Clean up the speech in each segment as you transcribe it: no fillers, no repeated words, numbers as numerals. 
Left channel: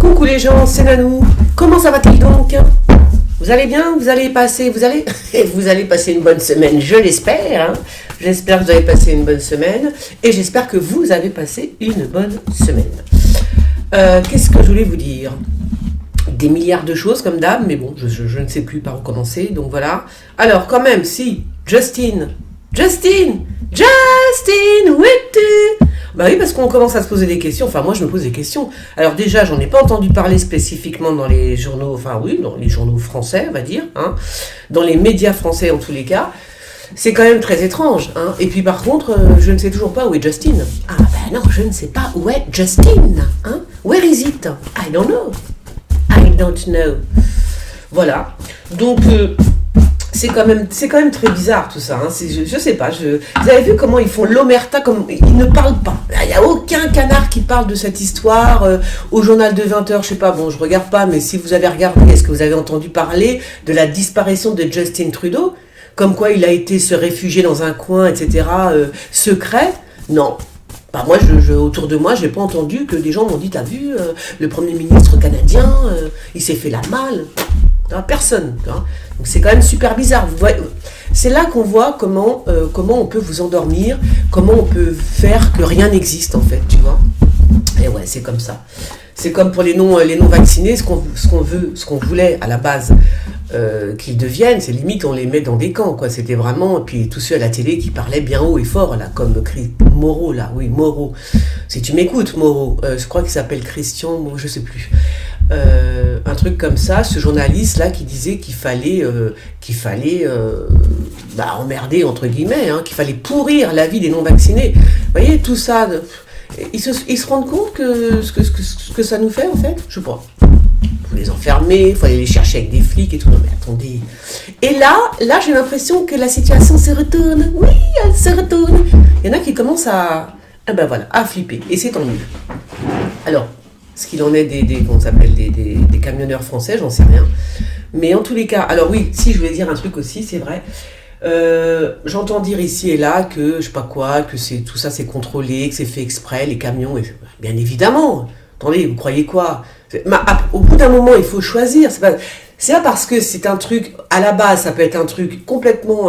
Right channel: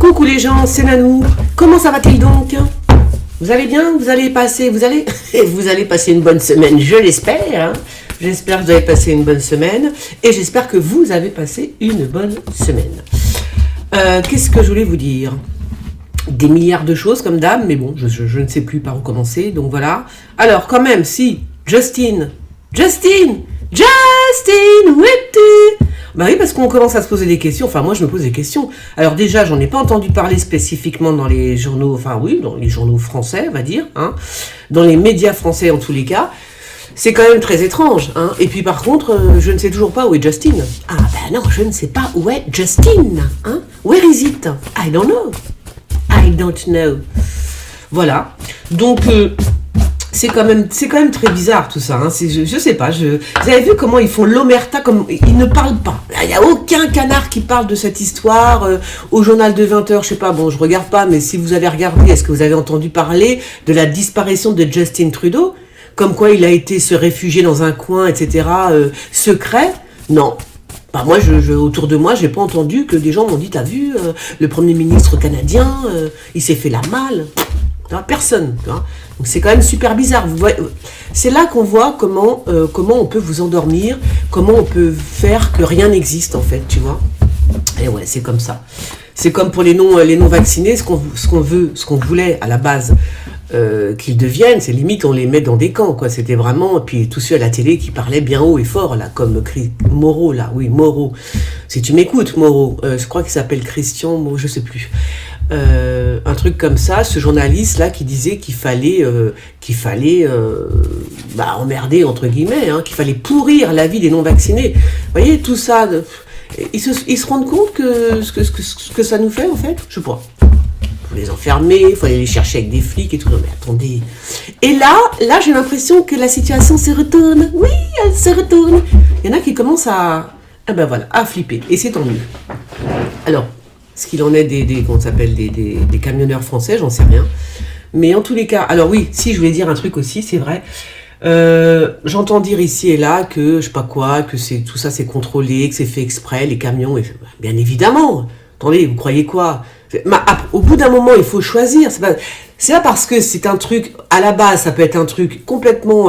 Coucou les gens, c'est Nanou. Comment ça va-t-il donc? Vous allez bien? Vous allez passer une bonne semaine, je l'espère. Hein. J'espère que vous avez passé une bonne semaine et j'espère que vous avez passé une bonne semaine. Qu'est-ce que je voulais vous dire? Des milliards de choses comme d'hab, mais bon, je ne sais plus par où commencer, donc voilà. Alors quand même, si, Justin, où es-tu? Bah oui, parce qu'on commence à se poser des questions, enfin moi je me pose des questions. Alors déjà, j'en ai pas entendu parler spécifiquement dans les journaux, enfin oui, dans les journaux français, on va dire, hein, dans les médias français en tous les cas. C'est quand même très étrange, hein. Et puis par contre, je ne sais toujours pas où est Justin. Ah ben non, je ne sais pas où est Justin, hein. Where is it? I don't know. Voilà. Donc c'est quand même très bizarre tout ça. Hein. Je sais pas. Vous avez vu comment ils font l'omerta, comme ils ne parlent pas. Il n'y a aucun canard qui parle de cette histoire au journal de 20h. Je sais pas. Bon, je regarde pas, mais si vous avez regardé, est-ce que vous avez entendu parler de la disparition de Justin Trudeau, comme quoi il a été se réfugier dans un coin, etc. Secret? Non. Bah moi, autour de moi, j'ai pas entendu que des gens m'ont dit, t'as vu, le Premier ministre canadien, il s'est fait la malle. Personne. Hein. Donc c'est quand même super bizarre. Vous voyez, c'est là qu'on voit comment on peut vous endormir, comment on peut faire que rien n'existe en fait, tu vois. Et ouais, c'est comme ça. C'est comme pour les non vaccinés, ce qu'on voulait à la base qu'ils deviennent, c'est limite on les met dans des camps, quoi. C'était vraiment, et puis tous ceux à la télé qui parlaient bien haut et fort, là, comme Moreau, là, oui, Moreau. Si tu m'écoutes, Moreau, je crois qu'il s'appelle Christian, Moreau, je sais plus. Un truc comme ça, ce journaliste-là qui disait qu'il fallait emmerder, entre guillemets, hein, qu'il fallait pourrir la vie des non-vaccinés. Vous voyez, tout ça, ils se rendent compte que ce que ça nous fait, en fait? Je sais pas. Il faut les enfermer, il faut aller les chercher avec des flics et tout. Non mais attendez. Et là j'ai l'impression que la situation se retourne. Oui, elle se retourne. Il y en a qui commencent à flipper. Et c'est tant mieux. Alors, ce qu'il en est des camionneurs français, j'en sais rien. Mais en tous les cas, alors oui, si je voulais dire un truc aussi, c'est vrai. J'entends dire ici et là que je sais pas quoi, que tout ça c'est contrôlé, que c'est fait exprès, les camions. Bien évidemment. Attendez, vous croyez quoi? Au bout d'un moment, il faut choisir. C'est pas parce que c'est un truc, à la base, ça peut être un truc complètement,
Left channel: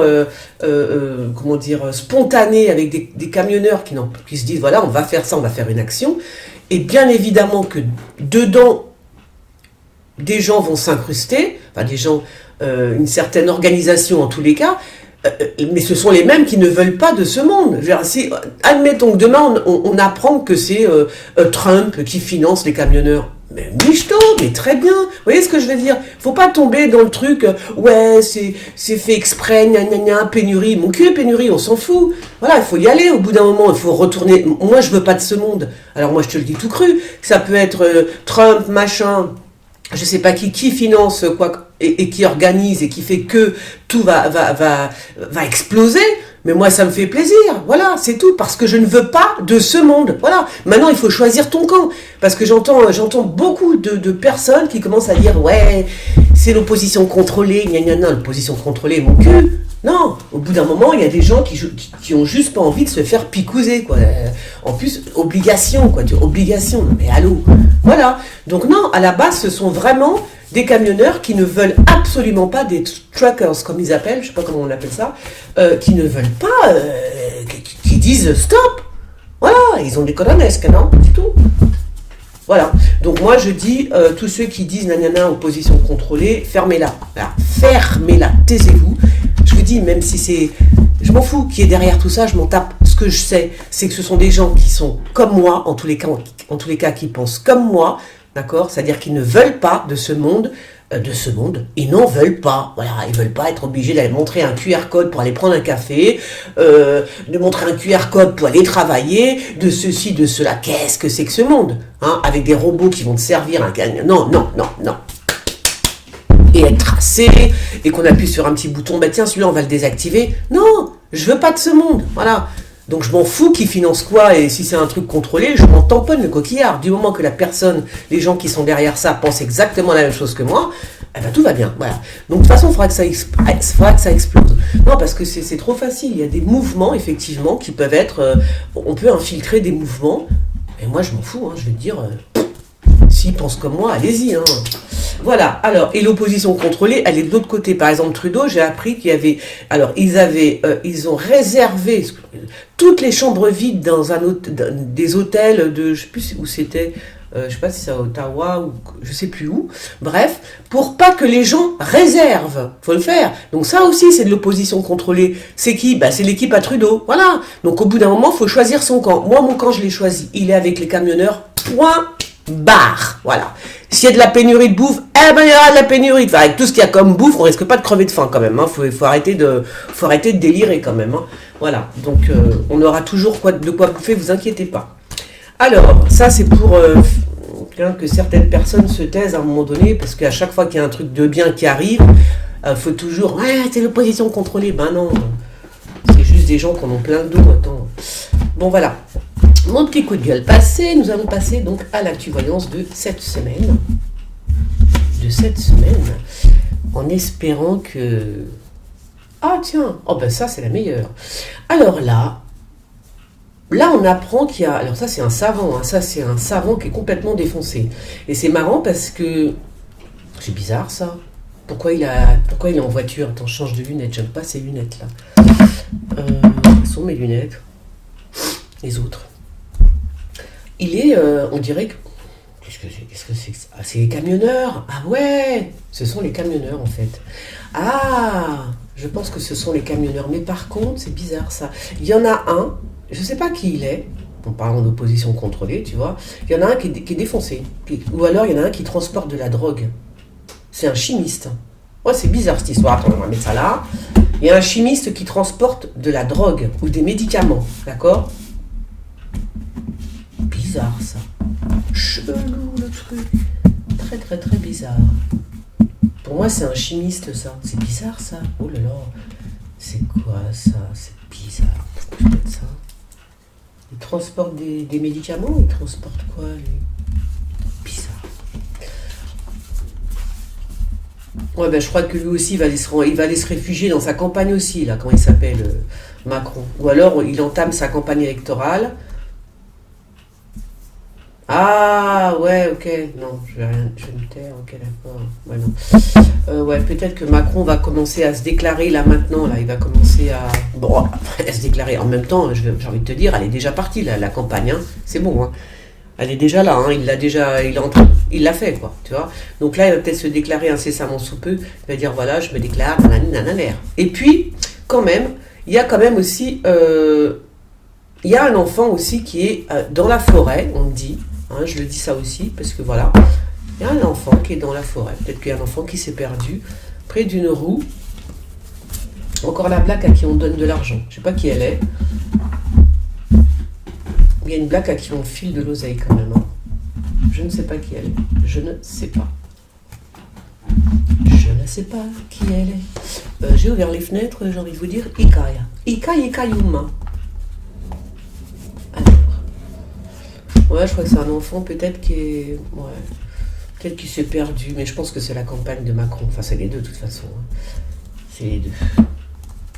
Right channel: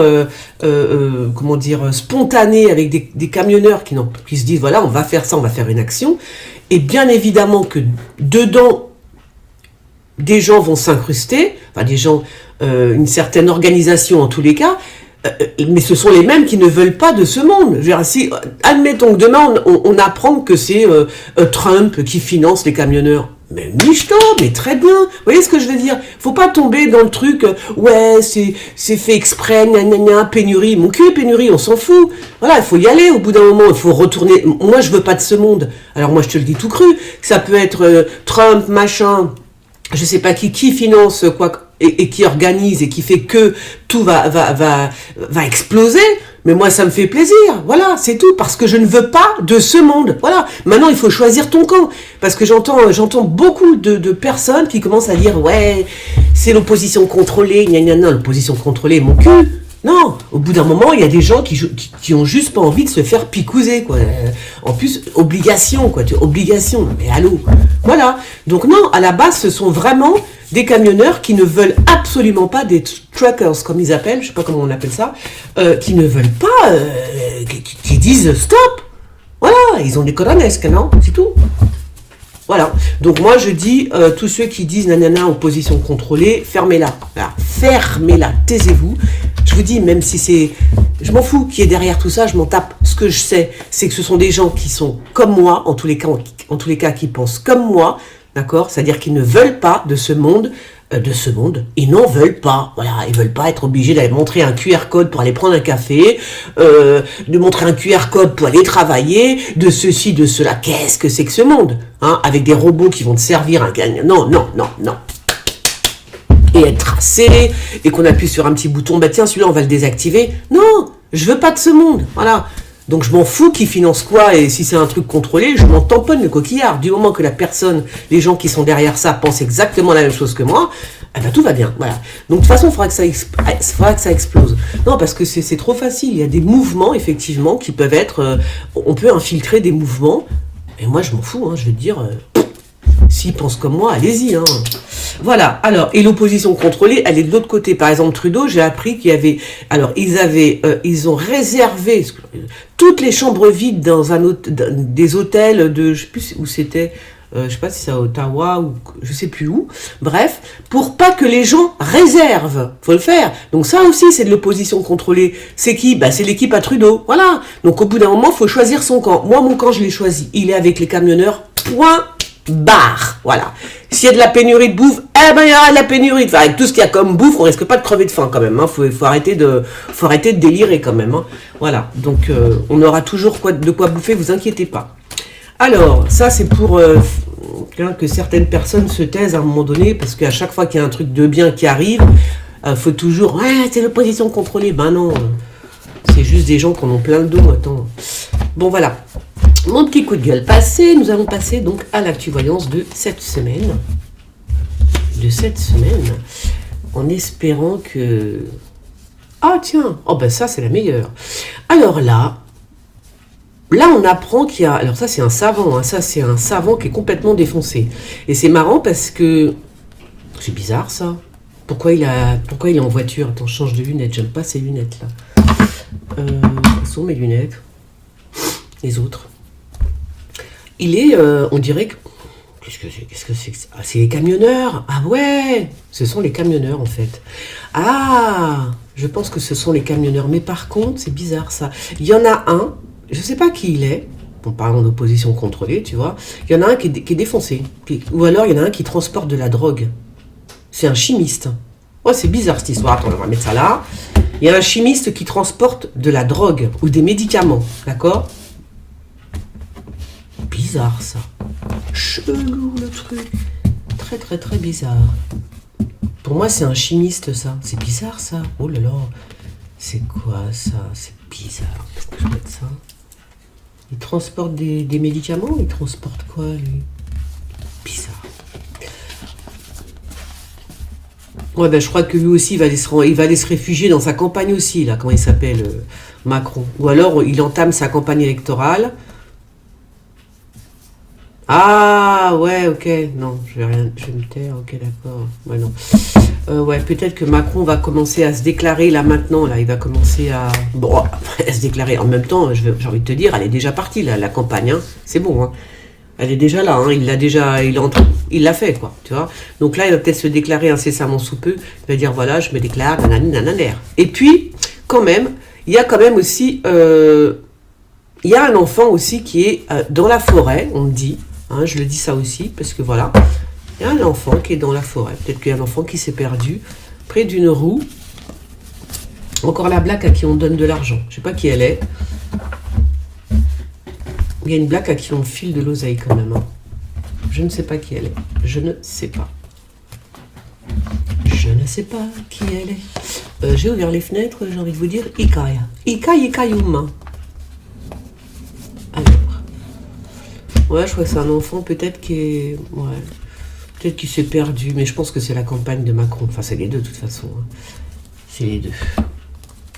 spontané, avec des camionneurs qui se disent, voilà, on va faire ça, on va faire une action. Et bien évidemment que dedans, des gens vont s'incruster, enfin des gens, une certaine organisation en tous les cas, mais ce sont les mêmes qui ne veulent pas de ce monde. Je veux dire, si, admettons que demain on apprend que c'est Trump qui finance les camionneurs. Mais michto, mais très bien. Vous voyez ce que je veux dire? Faut pas tomber dans le truc, ouais, c'est fait exprès, pénurie. Mon cul, pénurie, on s'en fout. Voilà, il faut y aller au bout d'un moment, il faut retourner. Moi, je veux pas de ce monde. Alors moi, je te le dis tout cru, que ça peut être Trump, machin, je sais pas qui finance quoi, et qui organise et qui fait que tout va exploser. Mais moi, ça me fait plaisir. Voilà, c'est tout. Parce que je ne veux pas de ce monde. Voilà. Maintenant, il faut choisir ton camp. Parce que j'entends beaucoup de personnes qui commencent à dire, ouais, c'est l'opposition contrôlée, l'opposition contrôlée, mon cul. Non, au bout d'un moment, il y a des gens qui ont juste pas envie de se faire picouser, quoi. En plus, obligation, quoi. Obligation. Mais allô. Voilà. Donc non, à la base, ce sont vraiment des camionneurs qui ne veulent absolument pas, des truckers, comme ils appellent, je sais pas comment on appelle ça, qui ne veulent pas, qui disent stop. Voilà, ils ont des coronesques, non? C'est tout. Voilà. Donc moi, je dis, tous ceux qui disent nanana, opposition contrôlée, fermez-la. Voilà. Fermez-la, taisez-vous. Je vous dis, même si c'est... Je m'en fous qui est derrière tout ça, je m'en tape. Ce que je sais, c'est que ce sont des gens qui sont comme moi, en tous les cas, qui pensent comme moi, d'accord? C'est-à-dire qu'ils ne veulent pas de ce monde, ils n'en veulent pas. Voilà, ils veulent pas être obligés d'aller montrer un QR code pour aller prendre un café, de montrer un QR code pour aller travailler, de ceci, de cela. Qu'est-ce que c'est que ce monde, hein? Avec des robots qui vont te servir un gagne. Non. Et être tracé, et qu'on appuie sur un petit bouton, bah tiens, celui-là, on va le désactiver. Non, je veux pas de ce monde. Voilà. Donc je m'en fous qui finance quoi, et si c'est un truc contrôlé, je m'en tamponne le coquillard. Du moment que la personne, les gens qui sont derrière ça pensent exactement la même chose que moi, eh ben tout va bien. Voilà. Donc de toute façon, il faudra que ça explose. Non, parce que c'est trop facile. Il y a des mouvements, effectivement, qui peuvent être... on peut infiltrer des mouvements, et moi je m'en fous, hein, je vais te dire... S'ils pensent comme moi, allez-y. Hein. Voilà. Alors, et l'opposition contrôlée, elle est de l'autre côté. Par exemple, Trudeau, j'ai appris qu'il y avait... Alors, ils ont réservé toutes les chambres vides dans des hôtels de... Je sais plus où c'était... je sais pas si c'est à Ottawa ou je sais plus où. Bref, pour pas que les gens réservent. Faut le faire. Donc ça aussi, c'est de l'opposition contrôlée. C'est qui? Bah, c'est l'équipe à Trudeau. Voilà. Donc au bout d'un moment, faut choisir son camp. Moi, mon camp, je l'ai choisi. Il est avec les camionneurs. Point barre. Voilà. S'il y a de la pénurie de bouffe, eh ben il y aura de la pénurie. Enfin, avec tout ce qu'il y a comme bouffe, on risque pas de crever de faim quand même. Hein. Faut arrêter de délirer quand même. Hein. Voilà. Donc on aura toujours de quoi bouffer. Vous inquiétez pas. Alors, ça c'est pour que certaines personnes se taisent à un moment donné, parce qu'à chaque fois qu'il y a un truc de bien qui arrive, faut toujours, ouais, c'est l'opposition contrôlée. Ben non, c'est juste des gens qui en ont plein le dos, attends. Bon voilà, mon petit coup de gueule passé, nous allons passer donc à l'actu-voyance de cette semaine. En espérant que... Ah tiens, oh ben ça c'est la meilleure. Alors là, on apprend qu'il y a... Alors ça, c'est un savant. Hein, ça, c'est un savant qui est complètement défoncé. Et c'est marrant parce que... C'est bizarre, ça. Pourquoi il est en voiture? Attends, je change de lunettes. J'aime pas ces lunettes-là. Où sont mes lunettes? Les autres. Il est... on dirait que... Qu'est-ce que c'est? Ah, c'est les camionneurs. Ah ouais, ce sont les camionneurs, en fait. Ah, je pense que ce sont les camionneurs. Mais par contre, c'est bizarre, ça. Il y en a un... Je ne sais pas qui il est, en parlant d'opposition contrôlée, tu vois. Il y en a un qui est défoncé. Ou alors, il y en a un qui transporte de la drogue. C'est un chimiste. Oh, c'est bizarre cette histoire. Attends, on va mettre ça là. Il y a un chimiste qui transporte de la drogue ou des médicaments. D'accord? Bizarre, ça. Chelou, le truc. Très, très, très bizarre. Pour moi, c'est un chimiste, ça. C'est bizarre, ça. Oh là là. C'est quoi, ça? C'est bizarre. Pourquoi je mets ça? Il transporte des médicaments? Il transporte quoi, lui? Bizarre. Ouais, ben je crois que lui aussi, il va aller se réfugier dans sa campagne aussi, là, comment il s'appelle, Macron. Ou alors, il entame sa campagne électorale. Ah, ouais, ok. Non, je vais me taire, ok, d'accord. Ouais, non. Ouais, peut-être que Macron va commencer à se déclarer, là, maintenant, là, il va commencer à... Bon, à se déclarer. En même temps, j'ai envie de te dire, elle est déjà partie, là, la campagne, hein. C'est bon, hein. Elle est déjà là, hein. Il l'a fait, quoi, tu vois. Donc là, il va peut-être se déclarer incessamment sous peu. Il va dire, voilà, je me déclare, nanani, nananaire. Et puis, quand même, il y a quand même aussi... il y a un enfant aussi qui est dans la forêt, on me dit. Hein, je le dis ça aussi, parce que voilà, il y a un enfant qui est dans la forêt. Peut-être qu'il y a un enfant qui s'est perdu près d'une roue. Encore la blague à qui on donne de l'argent. Je ne sais pas qui elle est. Il y a une blague à qui on file de l'oseille quand même. Hein. Je ne sais pas qui elle est. Je ne sais pas. Je ne sais pas qui elle est. J'ai ouvert les fenêtres, j'ai envie de vous dire Ikaya. Ikayuma. Alors. Ouais, je crois que c'est un enfant peut-être qui est... Ouais. Peut-être qu'il s'est perdu, mais je pense que c'est la campagne de Macron. Enfin, c'est les deux de toute façon. Hein. C'est les deux.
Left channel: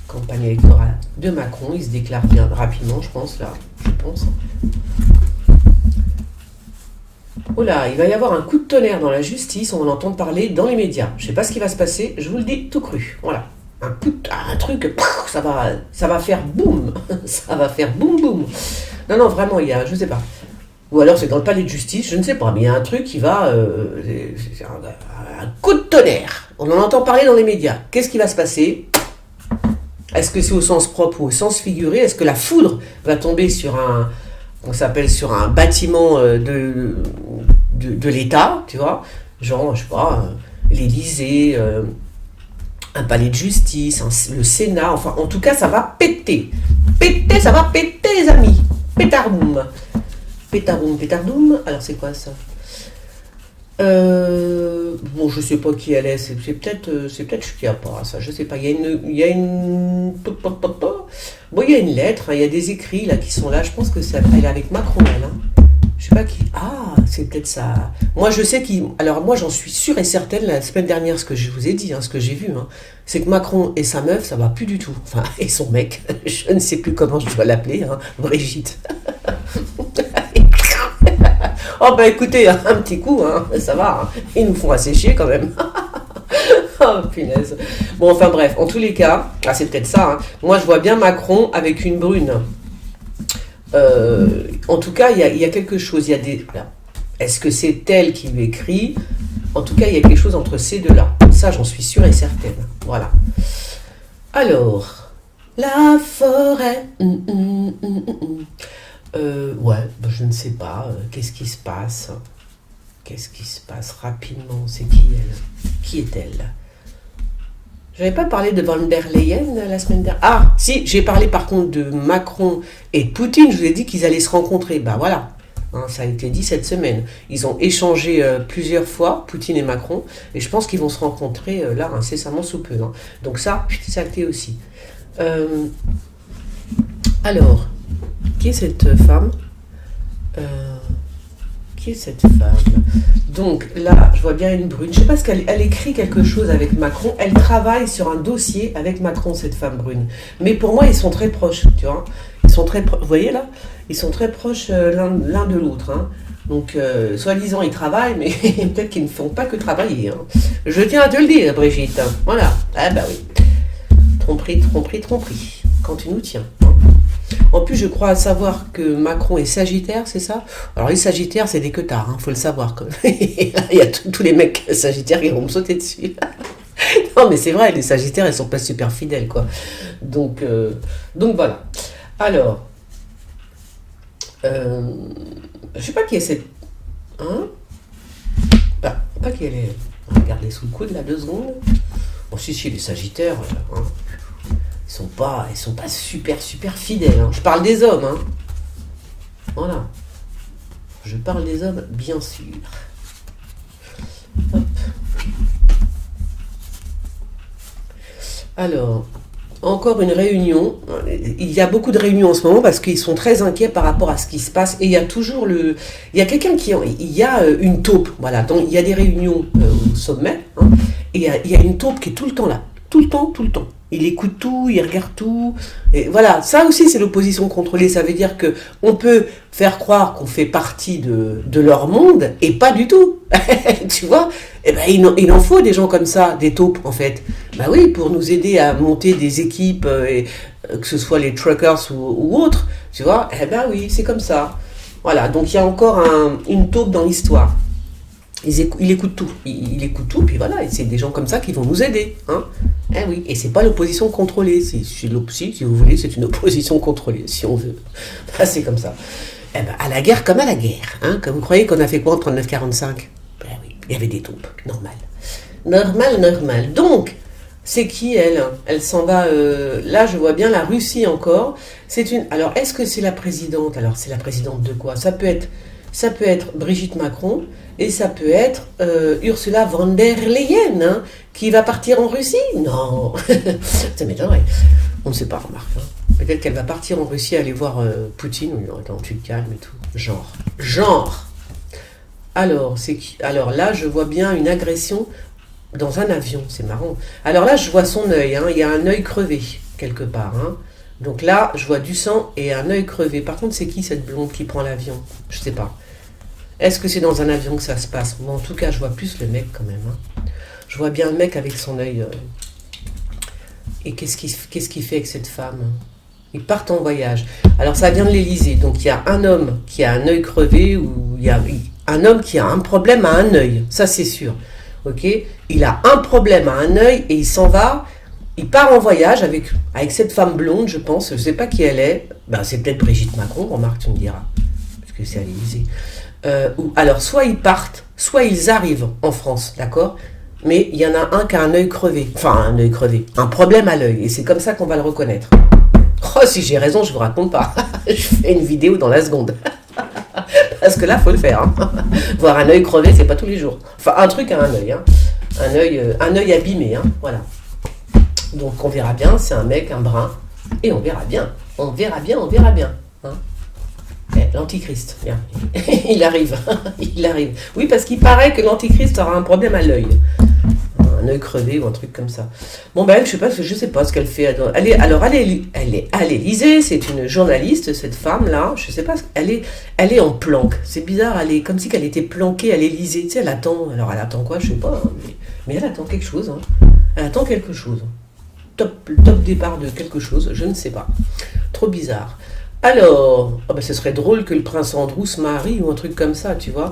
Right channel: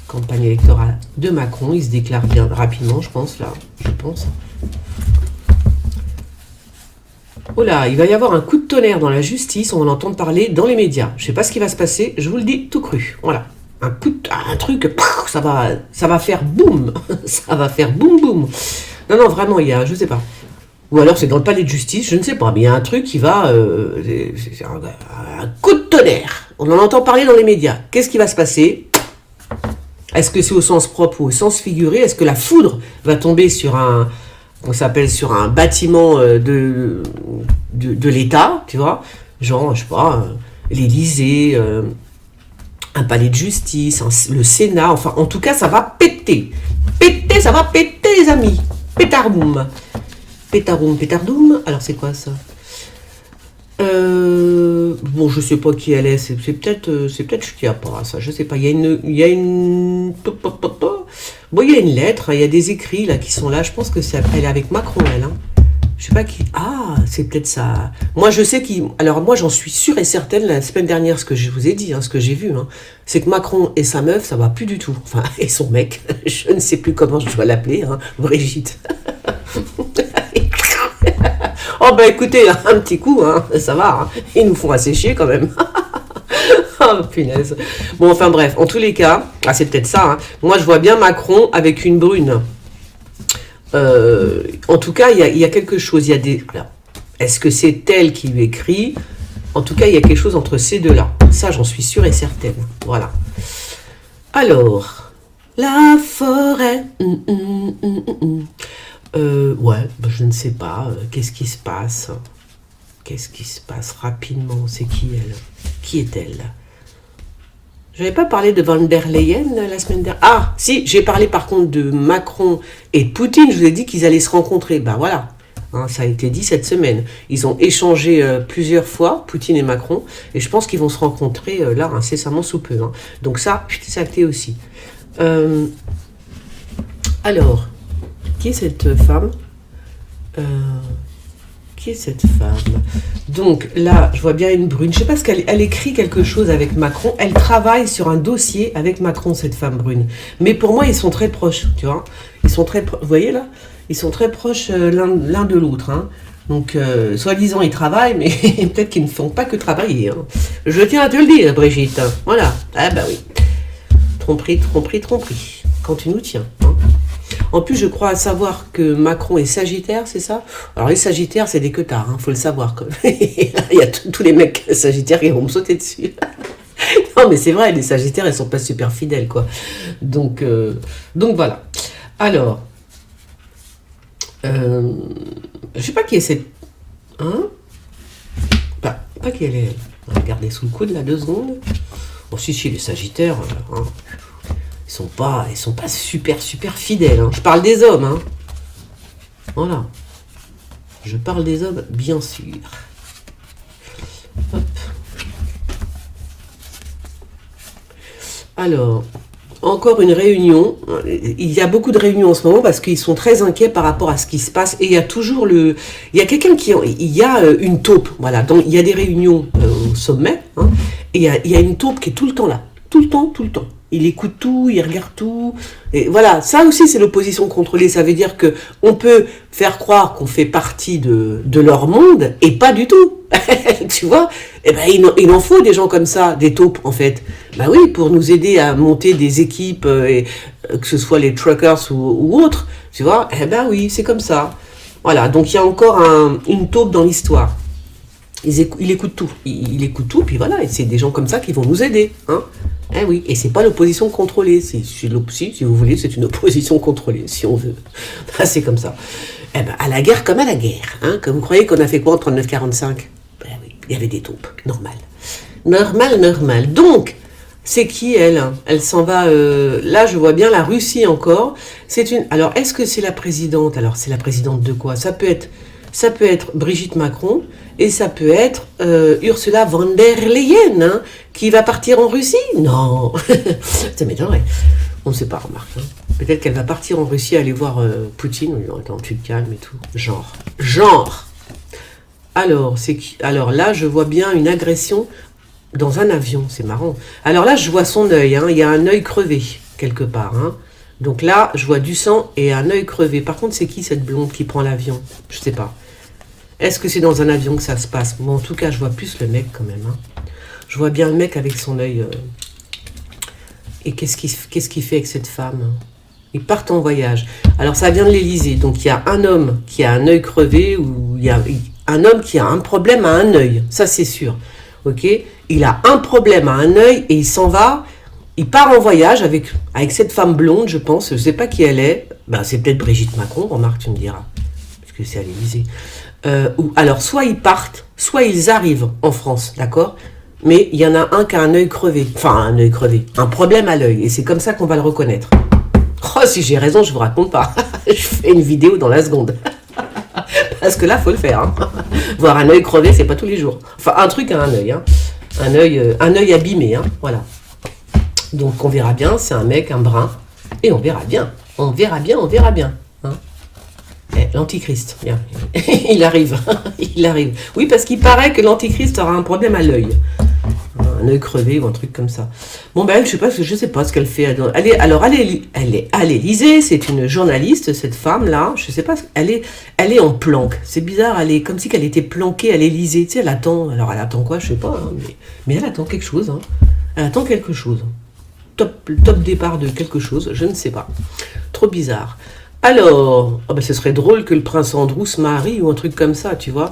Campagne électorale de Macron. Il se déclare bien rapidement, je pense, là. Je pense. Oh là, il va y avoir un coup de tonnerre dans la justice. On va en entendre parler dans les médias. Je ne sais pas ce qui va se passer. Je vous le dis tout cru. Voilà. Un truc, ça va faire boum. Ça va faire boum boum. Non, vraiment, il y a... Je ne sais pas. Ou alors c'est dans le palais de justice, je ne sais pas, mais il y a un truc qui va... c'est un coup de tonnerre. On en entend parler dans les médias. Qu'est-ce qui va se passer? Est-ce que c'est au sens propre ou au sens figuré? Est-ce que la foudre va tomber sur un bâtiment de l'État, tu vois? Genre, je sais pas, l'Élysée, un palais de justice, le Sénat, enfin, en tout cas, ça va péter. Péter, ça va péter, les amis. Pétardoum. Pétardoum. Alors, c'est quoi ça? Bon, je sais pas qui elle est. C'est peut-être Chiappa, ça. Je sais pas. Il y a une. Bon, il y a une lettre. Il y a des écrits là qui sont là. Je pense que elle est avec Macron, elle. Hein. Je sais pas qui. Ah, c'est peut-être ça. Moi, je sais qui. Alors, moi, j'en suis sûre et certaine. La semaine dernière, ce que je vous ai dit, hein, ce que j'ai vu, hein, c'est que Macron et sa meuf, ça va plus du tout. Enfin, et son mec. Je ne sais plus comment je dois l'appeler. Hein, Brigitte. Oh bah écoutez, un petit coup, hein, ça va, hein. Ils nous font assez chier quand même. Oh punaise. Bon, enfin bref, en tous les cas, c'est peut-être ça, hein. Moi je vois bien Macron avec une brune. En tout cas, il y a quelque chose, il y a des... Alors, est-ce que c'est elle qui lui écrit? En tout cas, il y a quelque chose entre ces deux-là. Ça, j'en suis sûre et certaine. Voilà. Alors, la forêt. Ouais, bah, je ne sais pas. Qu'est-ce qui se passe? Qu'est-ce qui se passe rapidement? C'est qui elle? Qui est-elle? J'avais pas parlé de Van der Leyen la semaine dernière. Ah, si, j'ai parlé par contre de Macron et de Poutine. Je vous ai dit qu'ils allaient se rencontrer. Bah voilà. Hein, ça a été dit cette semaine. Ils ont échangé plusieurs fois, Poutine et Macron, et je pense qu'ils vont se rencontrer là incessamment sous peu. Hein. Donc ça, c'est acté aussi. Alors, qui est cette femme? Qui est cette femme? Donc là, je vois bien une brune. Je sais pas ce qu'elle écrit quelque chose avec Macron. Elle travaille sur un dossier avec Macron, cette femme brune. Mais pour moi, ils sont très proches, tu vois. Ils sont très vous voyez là? Ils sont très proches l'un de l'autre. Hein. Donc, soi-disant, ils travaillent, mais peut-être qu'ils ne font pas que travailler. Hein. Je tiens à te le dire, Brigitte. Voilà. Ah bah oui. Tromperie, tromperie, tromperie. Quand tu nous tiens. Hein. En plus, je crois savoir que Macron est Sagittaire, c'est ça? Alors, les Sagittaires, c'est des queutards, hein, faut le savoir. Il y a tous les mecs Sagittaires qui vont me sauter dessus. Non, mais c'est vrai, les Sagittaires, ils sont pas super fidèles, quoi. Donc voilà. Alors, je sais pas qui est cette... Hein? Pas qui elle est... On va regarder sous le coude, là, 2 secondes. Bon, si, les Sagittaires... Hein. Ils sont pas super fidèles. Hein. Je parle des hommes. Hein. Voilà. Je parle des hommes, bien sûr. Hop. Alors, encore une réunion. Il y a beaucoup de réunions en ce moment parce qu'ils sont très inquiets par rapport à ce qui se passe. Et il y a toujours il y a quelqu'un qui... Il y a une taupe. Voilà. Donc, il y a des réunions au sommet. Hein, et il y a une taupe qui est tout le temps là. Tout le temps. Il écoute tout, il regarde tout. Et voilà, ça aussi c'est l'opposition contrôlée. Ça veut dire que on peut faire croire qu'on fait partie de leur monde et pas du tout. Tu vois? Eh ben, il en faut des gens comme ça, des taupes en fait. Bah oui, pour nous aider à monter des équipes, que ce soit les truckers ou autres. Tu vois? Eh ben oui, c'est comme ça. Voilà, donc il y a encore une taupe dans l'histoire. Il écoute tout. Il écoute tout, puis voilà, et c'est des gens comme ça qui vont nous aider. Hein. Eh oui, et c'est pas l'opposition contrôlée. Si vous voulez, c'est une opposition contrôlée, si on veut. C'est comme ça. Eh ben, à la guerre comme à la guerre. Hein. Que vous croyez qu'on a fait quoi en 39-45? Ben oui, il y avait des taupes. Normal. Donc, c'est qui elle? Elle s'en va... là, je vois bien la Russie encore. Alors, est-ce que c'est la présidente? Alors, c'est la présidente de quoi? Ça peut être Brigitte Macron, et ça peut être Ursula von der Leyen, hein, qui va partir en Russie. Non, ça m'étonnerait. On ne sait pas, remarque. Hein. Peut-être qu'elle va partir en Russie aller voir Poutine. Attends, tu te calmes et tout. Genre. Alors, Alors là, je vois bien une agression dans un avion. C'est marrant. Alors là, je vois son œil. Hein. Il y a un œil crevé, quelque part. Hein. Donc là, je vois du sang et un œil crevé. Par contre, c'est qui cette blonde qui prend l'avion? Je ne sais pas. Est-ce que c'est dans un avion que ça se passe? Bon, en tout cas, je vois plus le mec quand même. Hein. Je vois bien le mec avec son œil. Et qu'est-ce qu'il fait avec cette femme? Ils partent en voyage. Alors, ça vient de l'Élysée. Donc, il y a un homme qui a un œil crevé ou il y a un homme qui a un problème à un œil. Ça, c'est sûr. Ok? Il a un problème à un œil et il s'en va. Il part en voyage avec cette femme blonde, je pense. Je ne sais pas qui elle est. Ben, c'est peut-être Brigitte Macron, remarque, tu me diras. Parce que c'est à l'Élysée. Alors, soit ils partent, soit ils arrivent en France, d'accord? Mais il y en a un qui a un œil crevé. Enfin, un œil crevé. Un problème à l'œil. Et c'est comme ça qu'on va le reconnaître. Oh, si j'ai raison, je vous raconte pas. Je fais une vidéo dans la seconde. Parce que là, faut le faire. Hein. Voir un œil crevé, c'est pas tous les jours. Enfin, un truc à un œil. Hein. Un œil abîmé. Hein. Voilà. Donc, on verra bien. C'est un mec, un brun. Et on verra bien. On verra bien. Hein. L'Antichrist, bien. Il arrive. Oui, parce qu'il paraît que l'Antichrist aura un problème à l'œil. un œil crevé ou un truc comme ça. Bon ben, je sais pas ce qu'elle fait. Elle est à l'Élysée, c'est une journaliste, cette femme-là, je sais pas, elle est en planque. C'est bizarre, elle est comme si elle était planquée à l'Élysée, tu sais, elle attend quoi, je sais pas, hein, mais elle attend quelque chose, hein. Elle attend quelque chose. Top départ de quelque chose, je ne sais pas. Trop bizarre. Alors, oh ben, ce serait drôle que le prince Andrew se marie ou un truc comme ça, tu vois.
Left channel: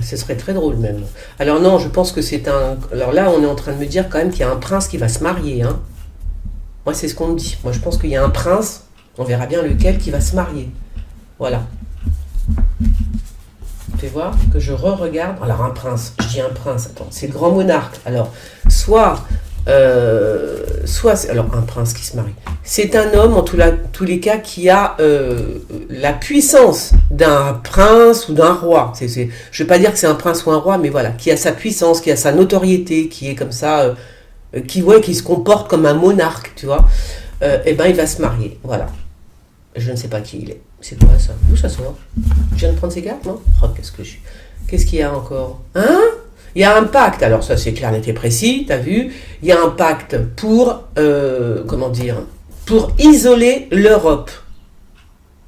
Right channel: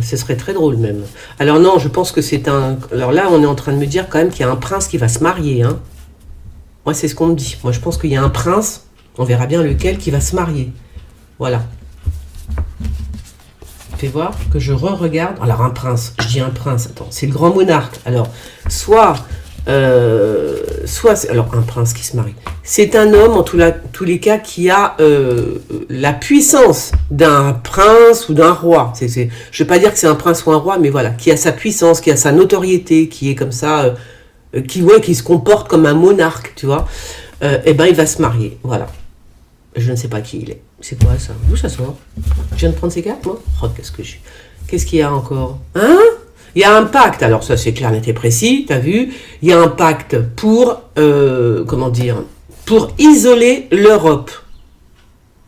Ce serait très drôle même. Alors non, je pense que c'est un... Alors là, on est en train de me dire quand même qu'il y a un prince qui va se marier. Hein. Moi, c'est ce qu'on me dit. Moi, je pense qu'il y a un prince, on verra bien lequel, qui va se marier. Voilà. Fais voir que je re-regarde. Alors un prince, je dis un prince, attends, c'est le grand monarque. Alors, soit alors un prince qui se marie. C'est un homme, en tous les cas, qui a la puissance d'un prince ou d'un roi. Je ne vais pas dire que c'est un prince ou un roi, mais voilà, qui a sa puissance, qui a sa notoriété, qui est comme ça, qui se comporte comme un monarque, tu vois. Eh ben, il va se marier, voilà. Je ne sais pas qui il est. C'est quoi ça? D'où ça sort? Je viens de prendre ces cartes, moi. Oh, qu'est-ce qu'il y a encore? Hein? Il y a un pacte, alors ça c'est clair, net et précis, t'as vu, il y a un pacte pour, pour isoler l'Europe.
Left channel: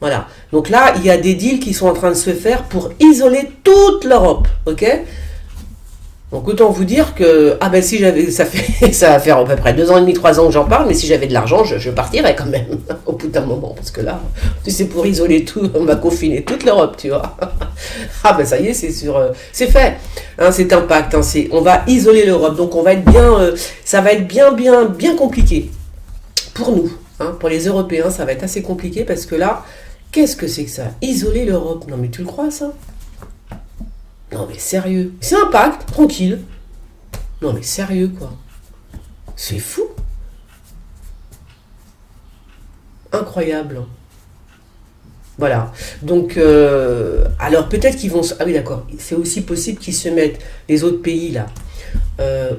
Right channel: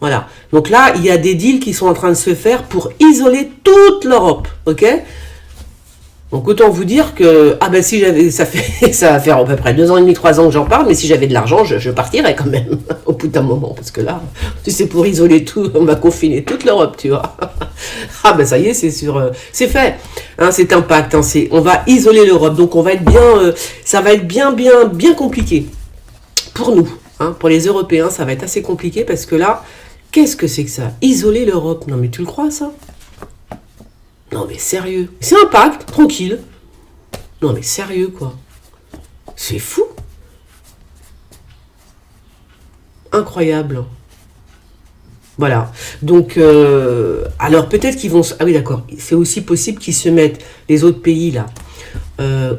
Voilà. Donc là, il y a des deals qui sont en train de se faire pour isoler toute l'Europe, ok? Donc autant vous dire que, si j'avais, ça va faire à peu près 2 ans et demi, 3 ans que j'en parle, mais si j'avais de l'argent, je partirais quand même, au bout d'un moment, parce que là, si c'est pour isoler tout, on va confiner toute l'Europe, tu vois. Ça y est, c'est sûr, c'est fait, hein, c'est un pacte, hein, on va isoler l'Europe, donc on va être bien, ça va être bien compliqué, pour nous, hein, pour les Européens, ça va être assez compliqué, parce que là, qu'est-ce que c'est que ça? Isoler l'Europe, non mais tu le crois ça? Non mais sérieux, c'est un pacte, tranquille. Non mais sérieux quoi. C'est fou. Incroyable. Voilà. Donc, alors peut-être qu'ils vont... Ah oui d'accord, c'est aussi possible qu'ils se mettent, les autres pays là.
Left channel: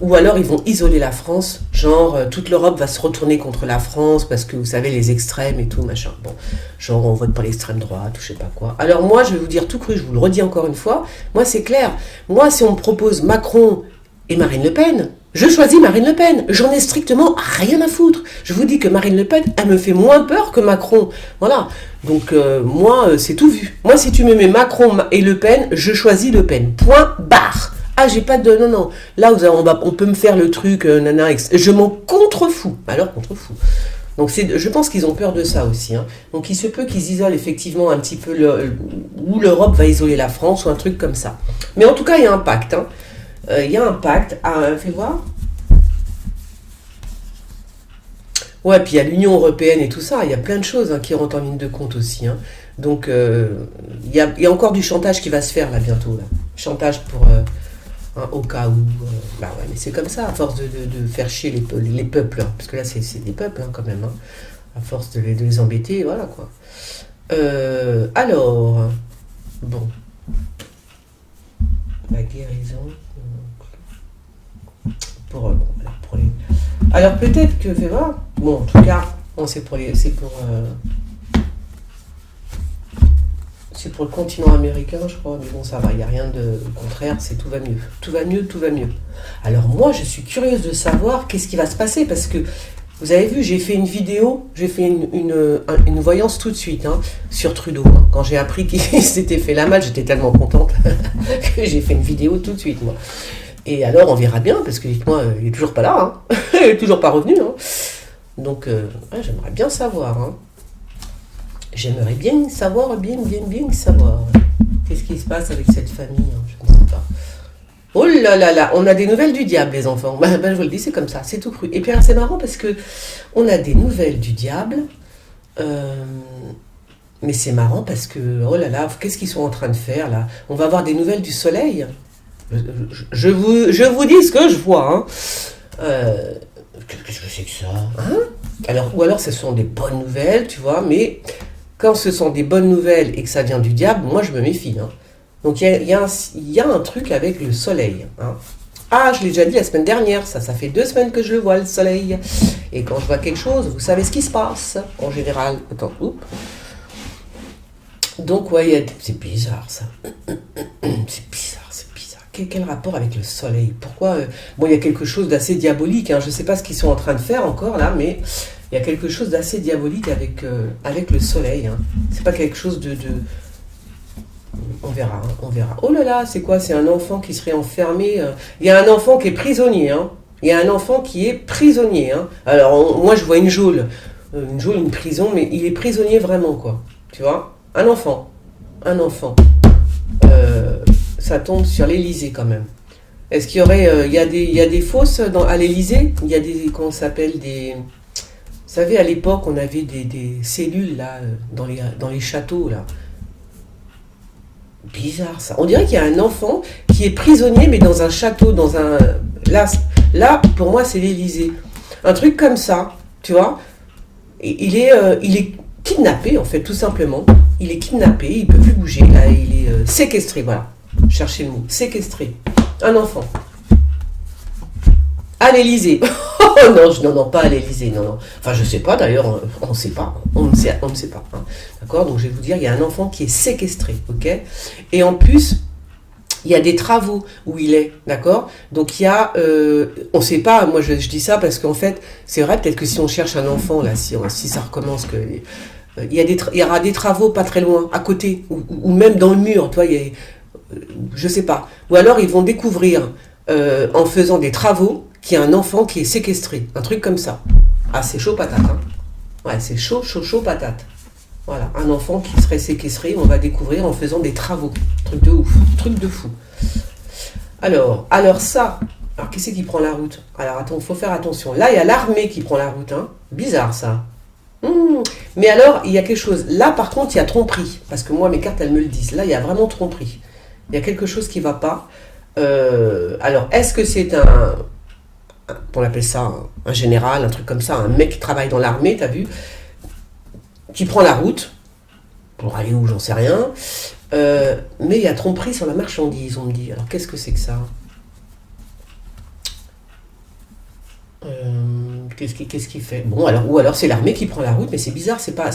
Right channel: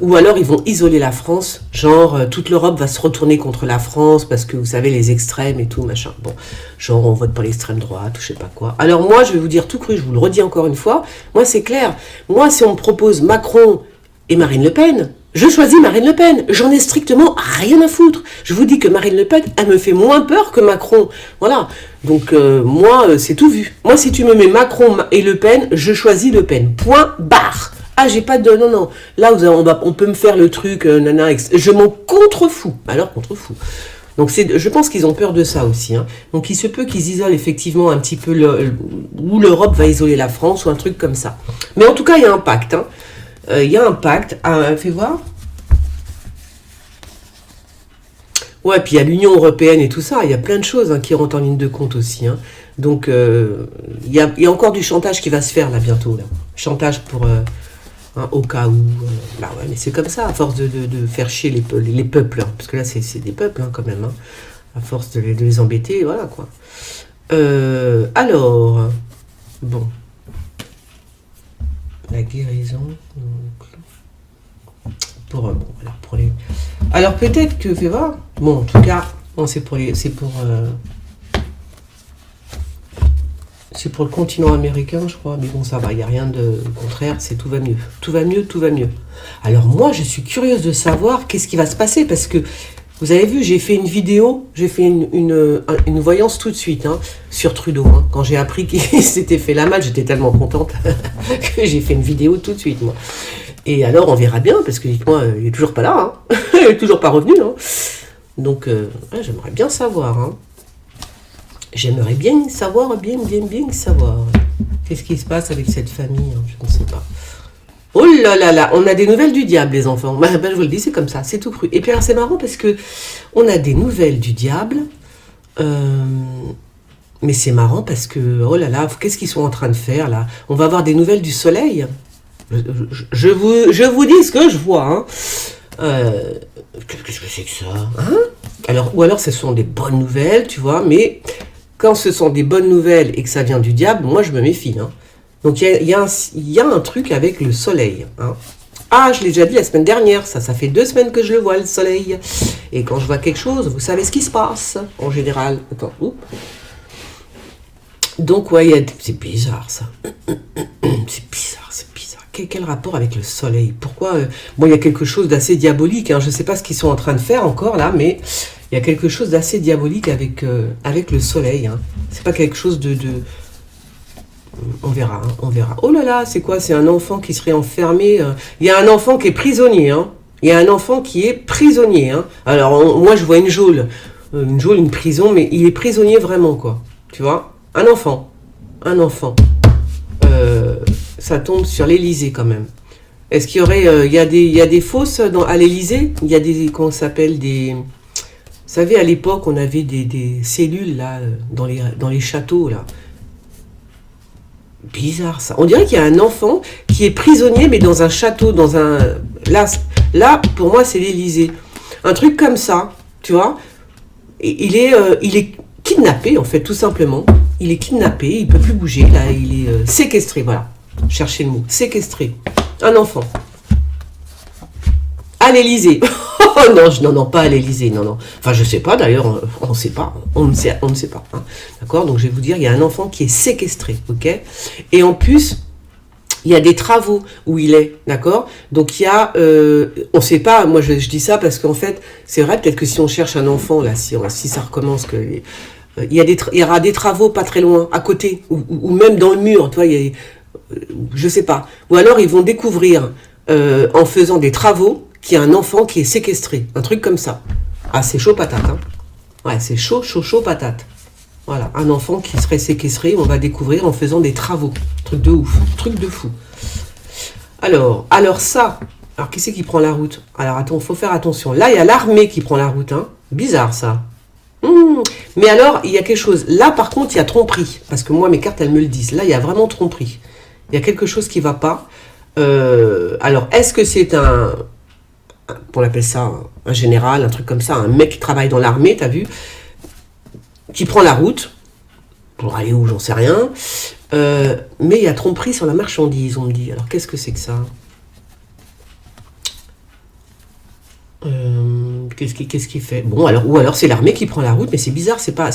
Ou alors ils vont isoler la France, genre toute l'Europe va se retourner contre la France parce que vous savez les extrêmes et tout machin. Bon, genre on vote pour l'extrême droite ou je sais pas quoi. Alors moi je vais vous dire tout cru, je vous le redis encore une fois, moi c'est clair. Moi si on me propose Macron et Marine Le Pen, je choisis Marine Le Pen. J'en ai strictement rien à foutre. Je vous dis que Marine Le Pen, elle me fait moins peur que Macron. Voilà. Donc moi c'est tout vu. Moi si tu me mets Macron et Le Pen, je choisis Le Pen. Point barre. Ah, j'ai pas de... Non. Là, on peut me faire le truc, je m'en contrefous. Alors, contrefous. Donc, je pense qu'ils ont peur de ça aussi. Hein. Donc, il se peut qu'ils isolent effectivement un petit peu où l'Europe va isoler la France ou un truc comme ça. Mais en tout cas, il y a un pacte. Hein. Il y a un pacte. Fais voir. Ouais, puis il y a l'Union européenne et tout ça. Il y a plein de choses hein, qui rentrent en ligne de compte aussi. Hein. Donc, il y a encore du chantage qui va se faire là bientôt. Là. Chantage pour... Hein, au cas où, ouais, mais c'est comme ça, à force de faire chier les peuples, hein, parce que là c'est des peuples hein, quand même, hein, à force de les embêter, voilà quoi. Alors, bon, la guérison, pour les... Alors peut-être que, fais voir, bon en tout cas, c'est pour le continent américain, je crois, mais bon, ça va, il n'y a rien de contraire, tout va mieux. Tout va mieux, tout va mieux. Alors moi, je suis curieuse de savoir qu'est-ce qui va se passer, parce que, vous avez vu, j'ai fait une vidéo, j'ai fait une voyance tout de suite, hein, sur Trudeau. Hein. Quand j'ai appris qu'il s'était fait la malle, j'étais tellement contente que j'ai fait une vidéo tout de suite, moi. Et alors, on verra bien, parce que, dites-moi, il n'est toujours pas là, hein. Il n'est toujours pas revenu, hein. Donc, j'aimerais bien savoir, hein. J'aimerais bien savoir, bien savoir. Qu'est-ce qui se passe avec cette famille, hein, je ne sais pas. Oh là là là, on a des nouvelles du diable, les enfants. Je vous le dis, c'est comme ça, c'est tout cru. Et puis alors, c'est marrant parce que on a des nouvelles du diable. Mais c'est marrant parce que, oh là là, qu'est-ce qu'ils sont en train de faire là? On va avoir des nouvelles du soleil. Je vous dis ce que je vois. Hein. Qu'est-ce que c'est que ça hein? Ou alors ce sont des bonnes nouvelles, tu vois, mais... Quand ce sont des bonnes nouvelles et que ça vient du diable, moi je me méfie. Hein. Donc il y a un truc avec le soleil. Hein. Ah, je l'ai déjà dit la semaine dernière, ça fait 2 semaines que je le vois, le soleil. Et quand je vois quelque chose, vous savez ce qui se passe, en général. Attends, oups. Donc ouais, c'est bizarre ça. C'est bizarre. quel rapport avec le soleil? Pourquoi bon, il y a quelque chose d'assez diabolique, hein. Je ne sais pas ce qu'ils sont en train de faire encore là, mais il y a quelque chose d'assez diabolique avec le soleil, hein. C'est pas quelque chose on verra, hein, on verra. Oh là là, c'est quoi? C'est un enfant qui serait enfermé. Il y a un enfant qui est prisonnier, hein. Il y a un enfant qui est prisonnier, hein. Alors, moi, je vois une prison, mais il est prisonnier vraiment, quoi. Tu vois? Un enfant. Un enfant. Ça tombe sur l'Élysée, quand même. Est-ce qu'il y aurait... il y a des fosses à l'Élysée? Il y a des... Comment ça s'appelle? Vous savez, à l'époque, on avait des cellules, là, dans les châteaux, là. Bizarre ça. On dirait qu'il y a un enfant qui est prisonnier, mais dans un château, dans un... Là pour moi, c'est l'Élysée. Un truc comme ça, tu vois. Il est kidnappé, en fait, tout simplement. Il est kidnappé, il ne peut plus bouger. Là, il est séquestré, voilà. Cherchez le mot. Séquestré. Un enfant. À l'Élysée. Oh non, non, pas à l'Élysée, non, non. Enfin, je sais pas d'ailleurs, on ne sait pas. On ne sait pas. Hein. D'accord? Donc, je vais vous dire, il y a un enfant qui est séquestré, ok? Et en plus, il y a des travaux où il est, d'accord? Donc, il y a... on ne sait pas, moi, je dis ça parce qu'en fait, c'est vrai, peut-être que si on cherche un enfant, là, si ça recommence, il y aura des travaux pas très loin, à côté, ou même dans le mur, tu vois, je sais pas. Ou alors, ils vont découvrir, en faisant des travaux, qu'il y a un enfant qui est séquestré. Un truc comme ça. Ah, c'est chaud patate. Hein. Ouais, c'est chaud patate. Voilà, un enfant qui serait séquestré, on va découvrir en faisant des travaux. Truc de ouf, truc de fou. Alors ça... Alors, qui c'est qui prend la route? Alors, attends, faut faire attention. Là, il y a l'armée qui prend la route. Hein. Bizarre, ça. Mais alors, il y a quelque chose. Là, par contre, il y a tromperie. Parce que moi, mes cartes, elles me le disent. Là, il y a vraiment tromperie. Il y a quelque chose qui ne va pas. Alors, est-ce que c'est on appelle ça un général, un truc comme ça, un mec qui travaille dans l'armée, t'as vu, qui prend la route, pour aller où, j'en sais rien, mais il y a tromperie sur la marchandise, on me dit. Alors, qu'est-ce que c'est que ça? Qu'est-ce qu'il fait? Bon, alors, ou alors c'est l'armée qui prend la route, mais c'est bizarre, c'est pas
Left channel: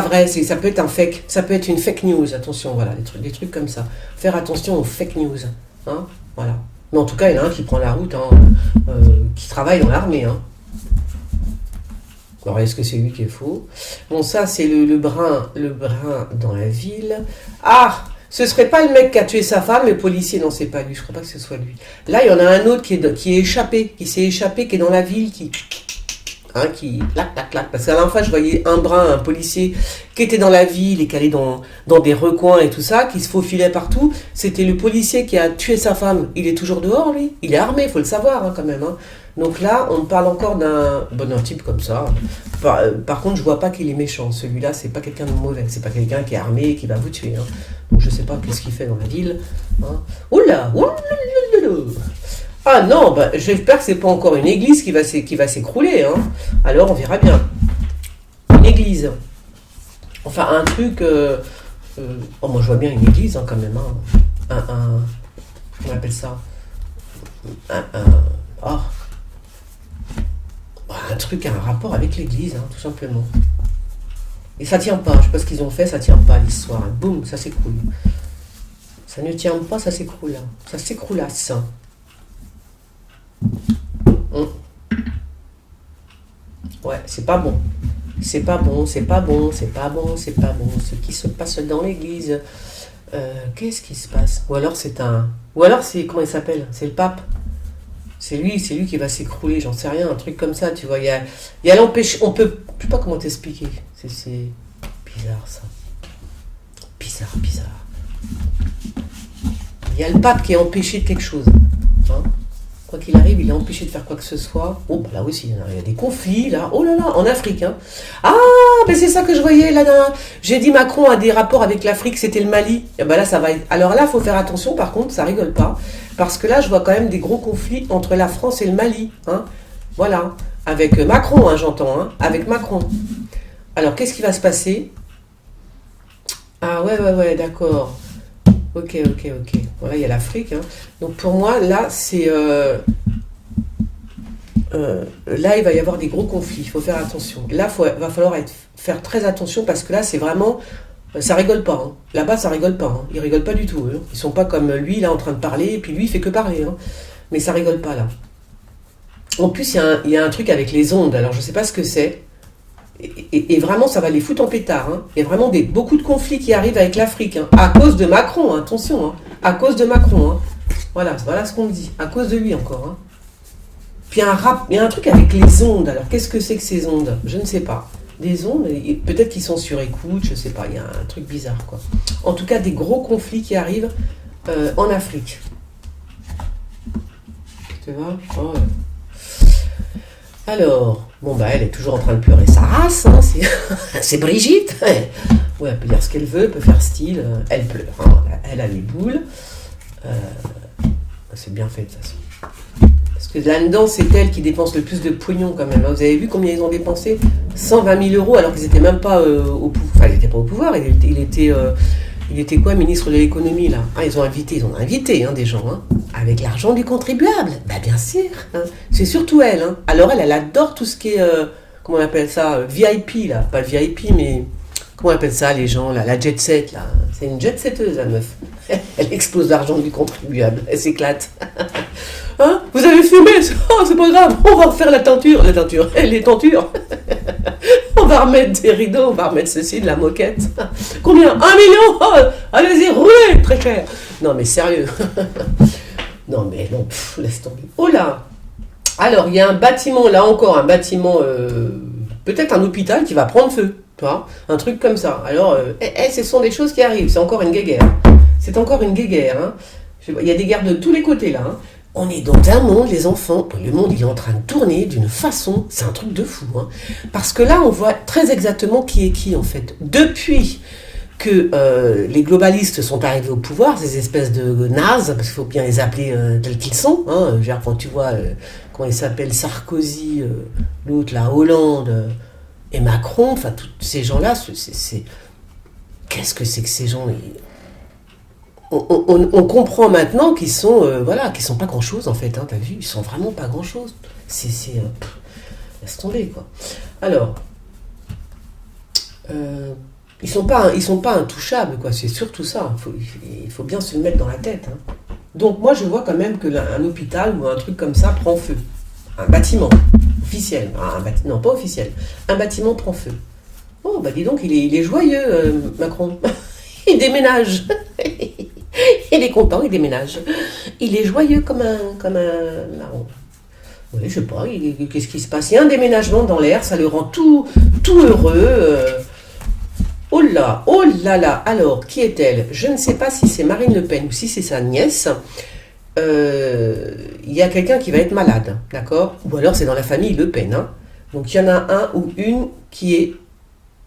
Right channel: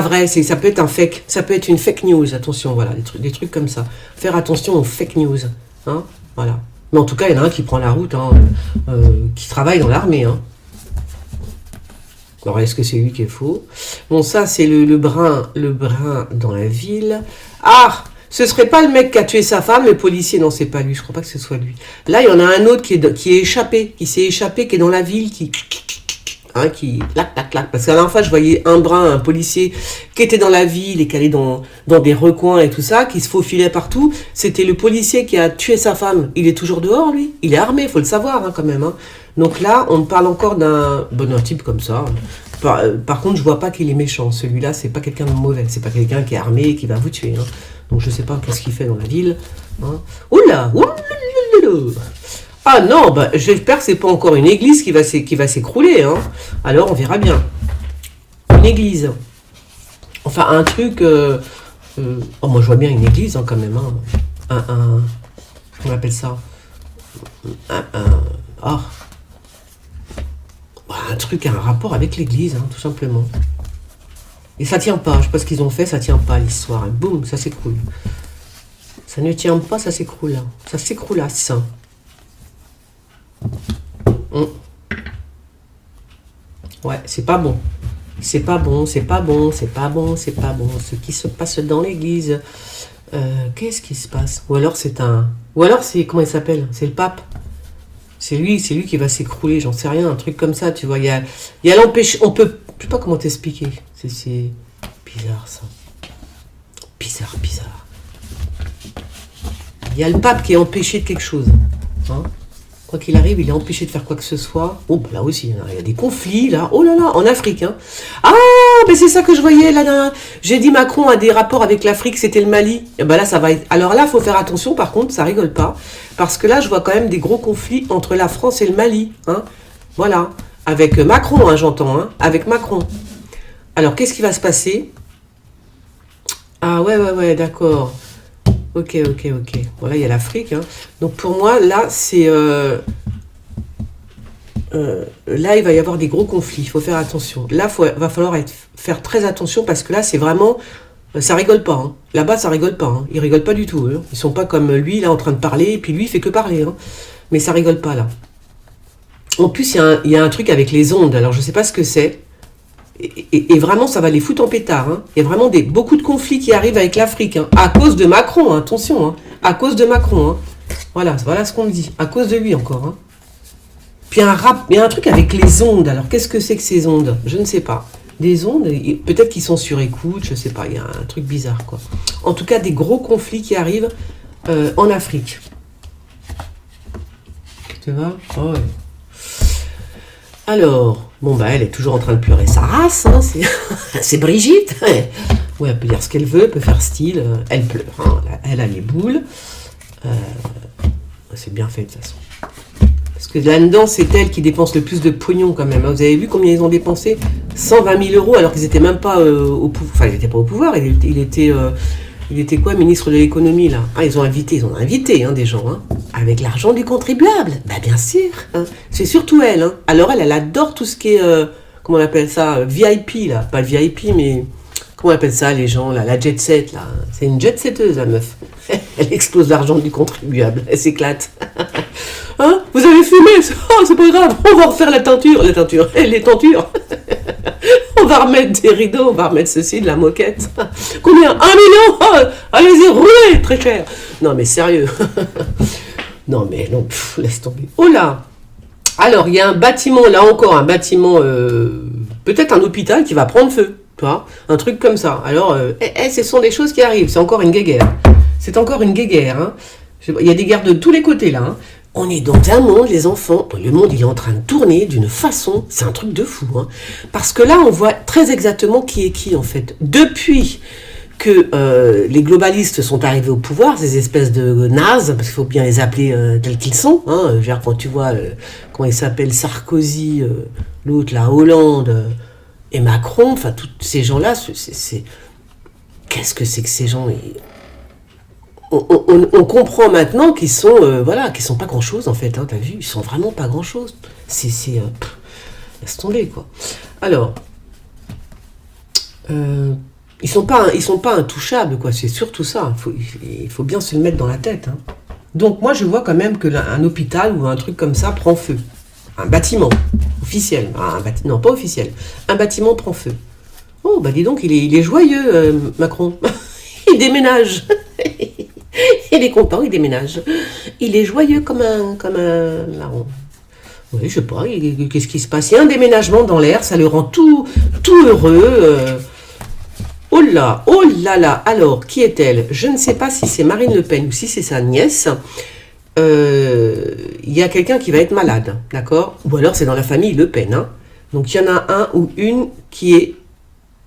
vrai, ça peut être un fake, ça peut être une fake news, attention, voilà, des trucs comme ça. Faire attention aux fake news, hein, voilà. Mais en tout cas, il y en a un qui prend la route, hein, qui travaille dans l'armée. Hein. Alors, est-ce que c'est lui qui est faux? Bon, ça, c'est le brun dans la ville. Ah, ce serait pas le mec qui a tué sa femme, le policier? Non, c'est pas lui, je crois pas que ce soit lui. Là, il y en a un autre qui s'est échappé, qui est dans la ville, qui clac, clac, clac. Parce qu'à la dernière fois, je voyais un policier qui était dans la ville et qui allait dans des recoins et tout ça, qui se faufilait partout. C'était le policier qui a tué sa femme. Il est toujours dehors, lui. Il est armé, il faut le savoir, hein, quand même. Hein. Donc là, on parle encore d'un type comme ça. Par contre, je vois pas qu'il est méchant. Celui-là, c'est pas quelqu'un de mauvais. C'est pas quelqu'un qui est armé et qui va vous tuer. Hein. Donc je sais pas qu'est-ce qu'il fait dans la ville. Hein. Oula, ah non, bah, j'espère que c'est pas encore une église qui va s'écrouler. Hein. Alors on verra bien. Une église. Enfin un truc... Oh, moi je vois bien une église hein, quand même. Hein. Comment on appelle ça? Un truc, un rapport avec l'église, hein, tout simplement. Et ça tient pas. Je sais pas ce qu'ils ont fait, ça tient pas l'histoire. Hein. Boum, ça s'écroule. Ça ne tient pas, ça s'écroule. Hein. Ça s'écroulasse. Ouais, c'est pas bon. C'est pas bon. Ce qui se passe dans l'église. Qu'est-ce qui se passe? Ou alors c'est comment il s'appelle? C'est le pape. C'est lui qui va s'écrouler, j'en sais rien, un truc comme ça, tu vois. Il y a l'empêchement. Je sais pas comment t'expliquer. C'est bizarre ça. Bizarre. Il y a le pape qui est empêché de quelque chose. Hein. Quoi qu'il arrive, il est empêché de faire quoi que ce soit. Oh, bah là aussi, il y a des conflits, là. Oh là là, en Afrique. Hein. Ah, mais c'est ça que je voyais là. J'ai dit Macron a des rapports avec l'Afrique, c'était le Mali. Et ben là, ça va être... Alors là, il faut faire attention, par contre, ça rigole pas. Parce que là, je vois quand même des gros conflits entre la France et le Mali. Hein. Voilà. Avec Macron, hein, j'entends. Hein. Avec Macron. Alors, qu'est-ce qui va se passer? Ah ouais, d'accord. Ok. Bon, là, il y a l'Afrique. Hein. Donc, pour moi, là, c'est... là, il va y avoir des gros conflits. Il faut faire attention. Là, va falloir faire très attention parce que là, c'est vraiment Ça rigole pas. Hein. Là-bas, ça rigole pas. Hein. Ils rigolent pas du tout. Hein. Ils sont pas comme lui, là, en train de parler, et puis lui, il fait que parler. Hein. Mais ça rigole pas, là. En plus, il y a un truc avec les ondes. Alors, je sais pas ce que c'est. Et vraiment, ça va les foutre en pétard. Hein. Il y a vraiment beaucoup de conflits qui arrivent avec l'Afrique. Hein. À cause de Macron, hein. Attention. Hein. À cause de Macron. Hein. Voilà ce qu'on me dit. À cause de lui, encore. Hein. Puis il y a un truc avec les ondes. Alors, qu'est-ce que c'est que ces ondes? Je ne sais pas. Des ondes, peut-être qu'ils sont sur écoute, je ne sais pas. Il y a un truc bizarre, quoi. En tout cas, des gros conflits qui arrivent en Afrique. Tu vois? Oh, ouais. Alors, bon, bah, elle est toujours en train de pleurer sa race. Hein, c'est Brigitte. Ouais, elle peut dire ce qu'elle veut, elle peut faire style. Elle pleure. Hein, elle a les boules. C'est bien fait, de toute façon. Parce que là-dedans, c'est elle qui dépense le plus de pognon quand même. Vous avez vu combien ils ont dépensé? 120 000 € alors qu'ils n'étaient même pas au pouvoir. Enfin, ils n'étaient pas au pouvoir. Il était quoi, ministre de l'économie là? Ah, ils ont invité hein, des gens, hein, avec l'argent du contribuable. Bah bien sûr. Hein. C'est surtout elle. Hein. Alors elle adore tout ce qui est, comment on appelle ça, VIP là. Pas le VIP, mais comment on appelle ça les gens là, la jet set là. C'est une jet setteuse la meuf. Elle explose l'argent du contribuable. Elle s'éclate. Hein? Vous avez fumé? Oh, c'est pas grave, on va refaire les tentures. On va remettre des rideaux, on va remettre ceci, de la moquette. Combien? 1 million? Oh, allez-y, roulez, très cher. Non mais sérieux. Non mais non, laisse tomber. Oh là. Alors, il y a un bâtiment, là encore, peut-être un hôpital qui va prendre feu. Tu vois, un truc comme ça. Alors, ce sont des choses qui arrivent, c'est encore une guéguerre. Hein. Il y a des guerres de tous les côtés là. Hein. On est dans un monde, les enfants, le monde il est en train de tourner d'une façon, c'est un truc de fou. Hein. Parce que là, on voit très exactement qui est qui en fait. Depuis que les globalistes sont arrivés au pouvoir, ces espèces de nazes, parce qu'il faut bien les appeler tels qu'ils sont. Hein. Genre, quand tu vois, comment ils s'appellent, Sarkozy, l'autre, la Hollande, et Macron, enfin, tous ces gens-là, qu'est-ce que c'est que ces gens? On comprend maintenant qu'ils sont, qu'ils sont pas grand-chose en fait. Hein, t'as vu, ils sont vraiment pas grand-chose. Laisse tomber quoi. Alors, ils sont pas intouchables quoi. C'est surtout ça. Il faut bien se le mettre dans la tête. Hein. Donc moi je vois quand même que un hôpital ou un truc comme ça prend feu. Un bâtiment officiel, non pas officiel. Un bâtiment prend feu. Oh bah dis donc, il est joyeux Macron. Il déménage. Il est content, il déménage. Il est joyeux comme un marron. Oui, je sais pas, qu'est-ce qui se passe? Il y a un déménagement dans l'air, ça le rend tout heureux. Oh là là. Alors, qui est-elle? Je ne sais pas si c'est Marine Le Pen ou si c'est sa nièce. Il y a quelqu'un qui va être malade, d'accord? Ou alors c'est dans la famille Le Pen. Hein. Donc il y en a un ou une qui est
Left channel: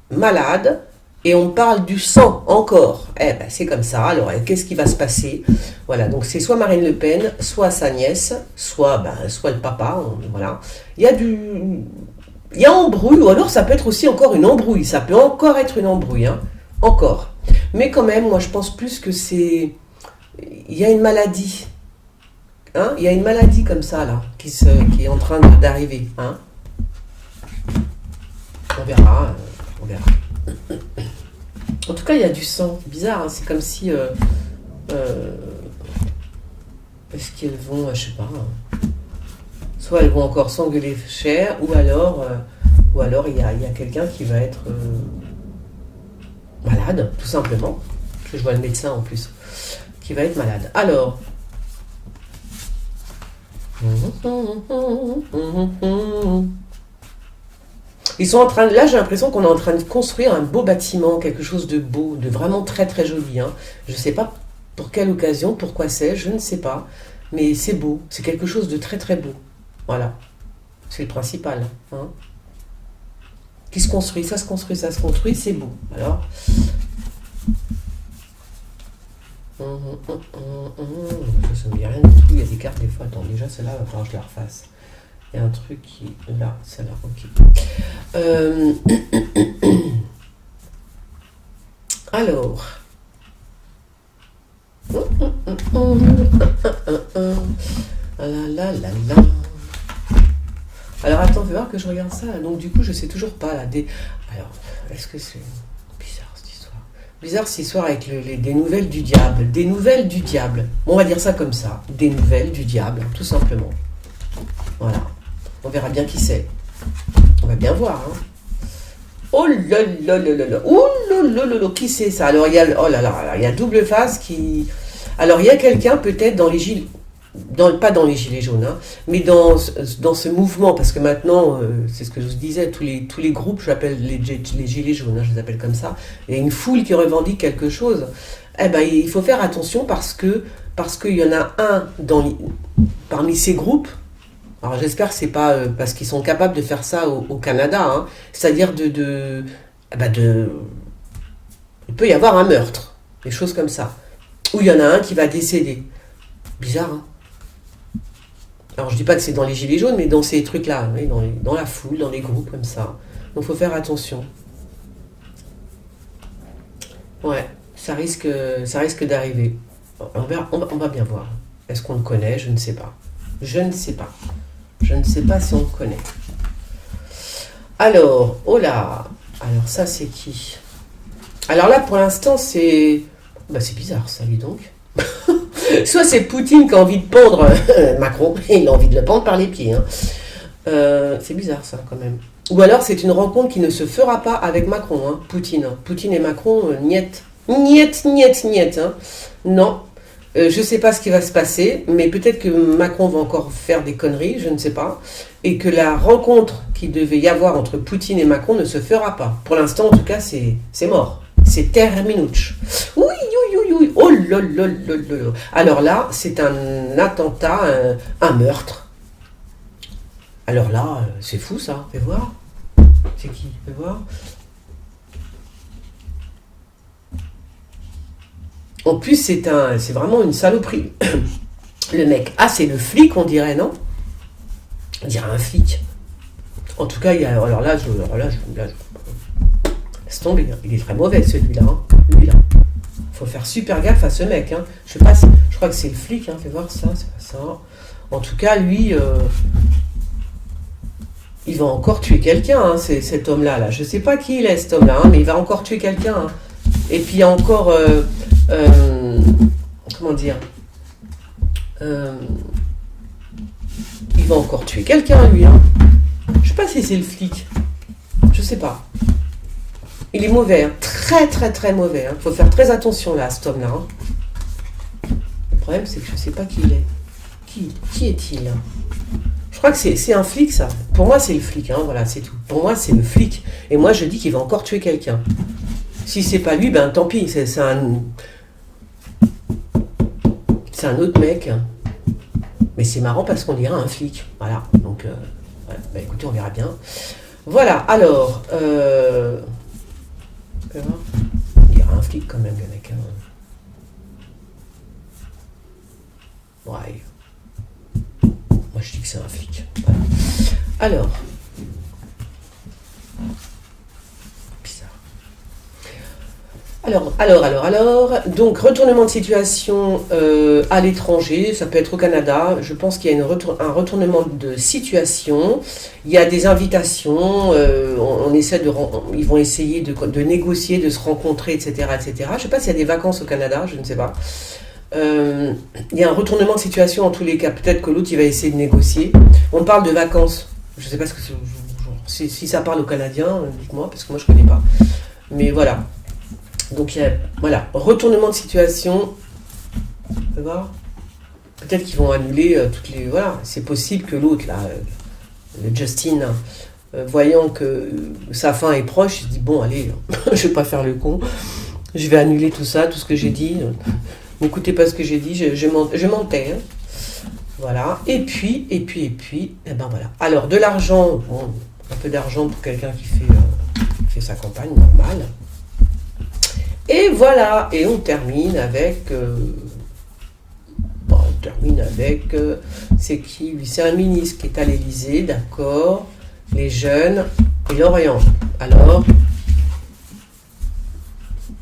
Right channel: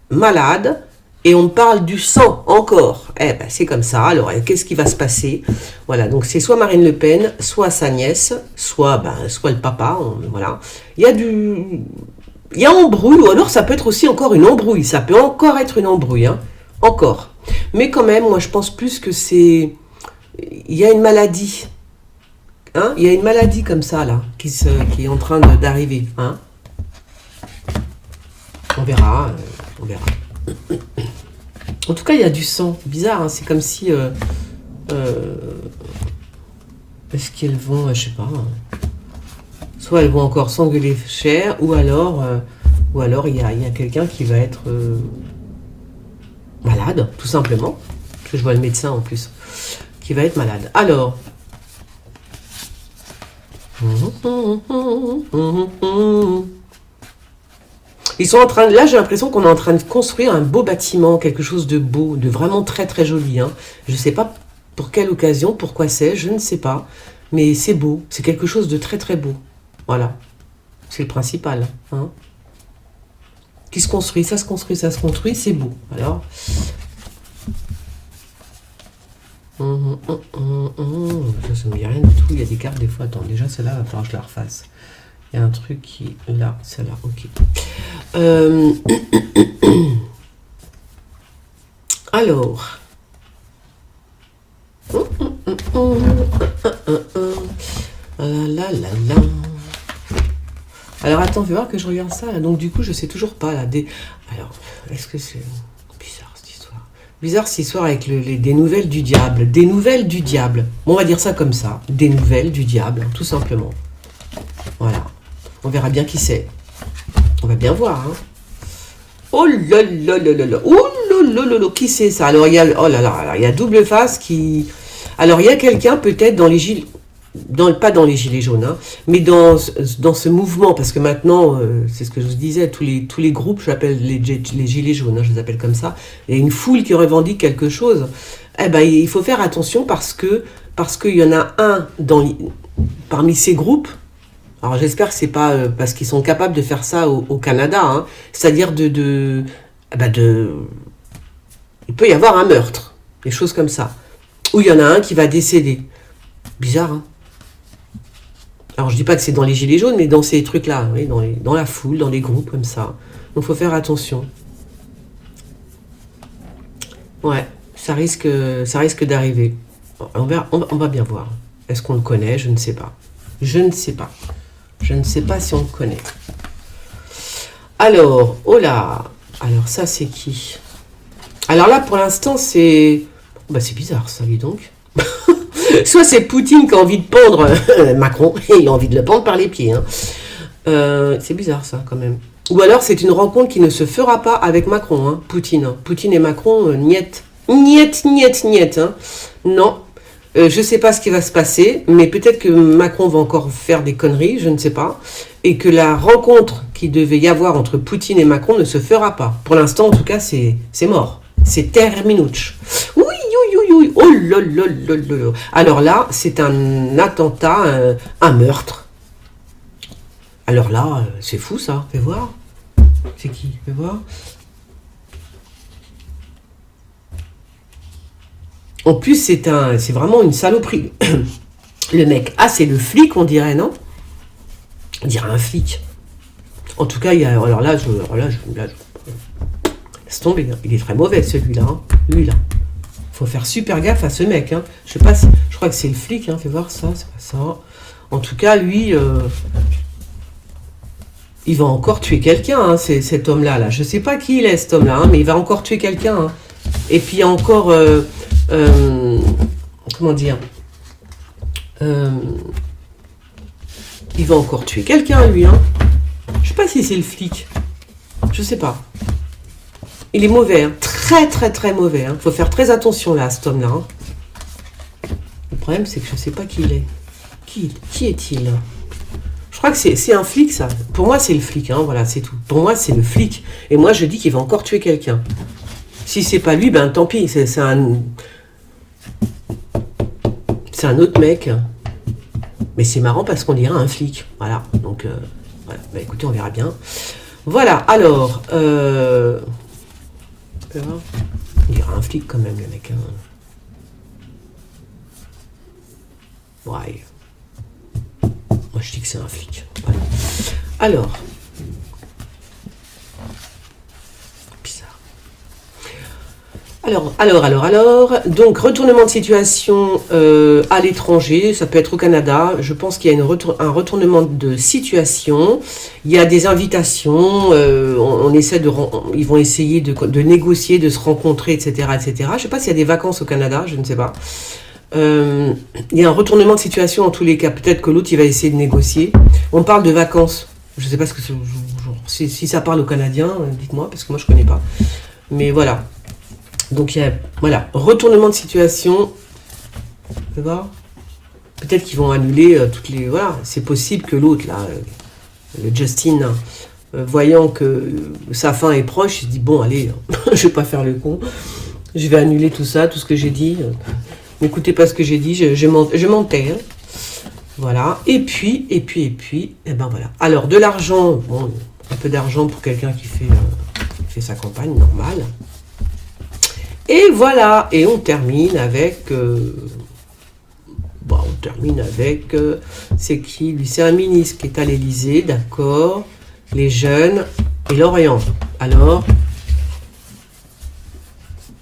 malade. Et on parle du sang encore. C'est comme ça. Alors, qu'est-ce qui va se passer? Voilà, donc c'est soit Marine Le Pen, soit sa nièce, soit le papa. Voilà. Il y a embrouille, ou alors ça peut être aussi encore une embrouille. Ça peut encore être une embrouille, hein. Encore. Mais quand même, moi je pense plus que c'est... Il y a une maladie. Hein? Il y a une maladie comme ça, là, qui est en train d'arriver. Hein? On verra. En tout cas, il y a du sang. C'est bizarre, hein. C'est comme si... est-ce qu'elles vont... je sais pas. Hein. Soit elles vont encore s'engueuler cher, ou alors il y a quelqu'un qui va être malade, tout simplement. Parce que je vois le médecin en plus. Qui va être malade. Alors... Ils sont en train, là j'ai l'impression qu'on est en train de construire un beau bâtiment, quelque chose de beau, de vraiment très très joli. Hein. Je ne sais pas pour quelle occasion, pourquoi c'est, je ne sais pas. Mais c'est beau, c'est quelque chose de très très beau. Voilà, c'est le principal. Hein. Qui se construit, ça se construit, c'est beau. Alors... Ça ne me dit rien du tout, il y a des cartes des fois. Attends, déjà celle-là, il va falloir que je la refasse. Il y a un truc qui est là, celle-là, ok. Alors. Alors attends, fais voir que je regarde ça. Donc du coup, je sais toujours pas là. Alors, est-ce que c'est bizarre cette histoire? Bizarre cette histoire avec des nouvelles du diable. Des nouvelles du diable. Bon, on va dire ça comme ça. Des nouvelles du diable, tout simplement. Voilà. On verra bien qui c'est. On va bien voir. Hein. Oh là là là là là. Oh là là là. Qui c'est ça? Alors, il y a, oh là là, il y a double face qui... Alors, il y a quelqu'un peut-être dans les gilets... pas dans les gilets jaunes, hein, mais dans ce mouvement, parce que maintenant, c'est ce que je vous disais, tous les groupes, je l'appelle les gilets jaunes, hein, je les appelle comme ça, il y a une foule qui revendique quelque chose, eh ben, il faut faire attention parce qu'il y en a un parmi ces groupes, alors j'espère que c'est pas parce qu'ils sont capables de faire ça au Canada, hein, c'est-à-dire il peut y avoir un meurtre, des choses comme ça, où il y en a un qui va décéder. Bizarre, hein. Alors, je dis pas que c'est dans les gilets jaunes, mais dans ces trucs-là, oui, dans la foule, dans les groupes comme ça. Donc, il faut faire attention. Ouais, ça risque d'arriver. On va bien voir. Est-ce qu'on le connaît? Je ne sais pas. Je ne sais pas. Je ne sais pas si on le connaît. Alors, oh là. Alors, ça, c'est qui? Alors là, pour l'instant, c'est... Bah, c'est bizarre, ça, lui, donc. Soit c'est Poutine qui a envie de pendre Macron, et il a envie de le pendre par les pieds. Hein. C'est bizarre ça quand même. Ou alors c'est une rencontre qui ne se fera pas avec Macron, hein, Poutine. Poutine et Macron, niet. Niet, niet, niet. Hein. Non. Je ne sais pas ce qui va se passer, mais peut-être que Macron va encore faire des conneries, je ne sais pas. Et que la rencontre qui devait y avoir entre Poutine et Macron ne se fera pas. Pour l'instant, en tout cas, c'est mort. C'est terminuch. Oui, oh là là là là. Alors là, c'est un attentat, un meurtre. Alors là, c'est fou ça. Fais voir. C'est qui? Fais voir. En plus, c'est vraiment une saloperie. Le mec, c'est le flic, on dirait, non? On dirait un flic. En tout cas, alors là, laisse tomber. Il est très mauvais celui-là. Hein. Lui-là. Faut faire super gaffe à ce mec. Hein. Je sais pas si... Je crois que c'est le flic. Hein. Fais voir ça, c'est pas ça. En tout cas, lui... il va encore tuer quelqu'un, hein, cet homme-là. Là. Je sais pas qui il est, cet homme-là. Hein, mais il va encore tuer quelqu'un. Hein. Et puis, il y a encore... comment dire il va encore tuer quelqu'un, lui. Hein. Je sais pas si c'est le flic. Je sais pas. Il est mauvais, hein. Très très très mauvais. Hein. Faut faire très attention là à cet homme-là. Hein. Le problème c'est que je sais pas qui il est. Qui est-il? Je crois que c'est un flic ça. Pour moi c'est le flic, hein. Voilà, c'est tout. Pour moi c'est le flic. Et moi je dis qu'il va encore tuer quelqu'un. Si c'est pas lui, ben tant pis. C'est un autre mec. Mais c'est marrant parce qu'on dirait un flic. Voilà. Donc voilà. Bah, écoutez, on verra bien. Voilà, alors... il dirait un flic quand même, le mec. Hein. Ouais. Moi, je dis que c'est un flic. Voilà. Alors. Bizarre. Alors. Donc, retournement de situation à l'étranger. Ça peut être au Canada. Je pense qu'il y a un retournement de situation. Il y a des invitations. Ils vont essayer de négocier, de se rencontrer, etc., etc. Je ne sais pas s'il y a des vacances au Canada. Je ne sais pas. Il y a un retournement de situation en tous les cas. Peut-être que l'autre, il va essayer de négocier. On parle de vacances. Je ne sais pas ce que c'est. Si ça parle aux Canadiens, dites-moi, parce que moi, je ne connais pas. Mais voilà. Donc, il y a, voilà, retournement de situation. On peut voir. Peut-être qu'ils vont annuler toutes les... Voilà, c'est possible que l'autre, là, le Justin, voyant que sa fin est proche, il se dit, bon, allez, je vais pas faire le con. Je vais annuler tout ça, tout ce que j'ai dit. N'écoutez pas ce que j'ai dit, je mentais. Hein. Voilà. Et puis, eh ben voilà. Alors, de l'argent, bon, un peu d'argent pour quelqu'un qui fait sa campagne normale. Et voilà. Et on termine avec... c'est qui? Lui, c'est un ministre qui est à l'Élysée, d'accord. Les jeunes et l'Orient. Alors...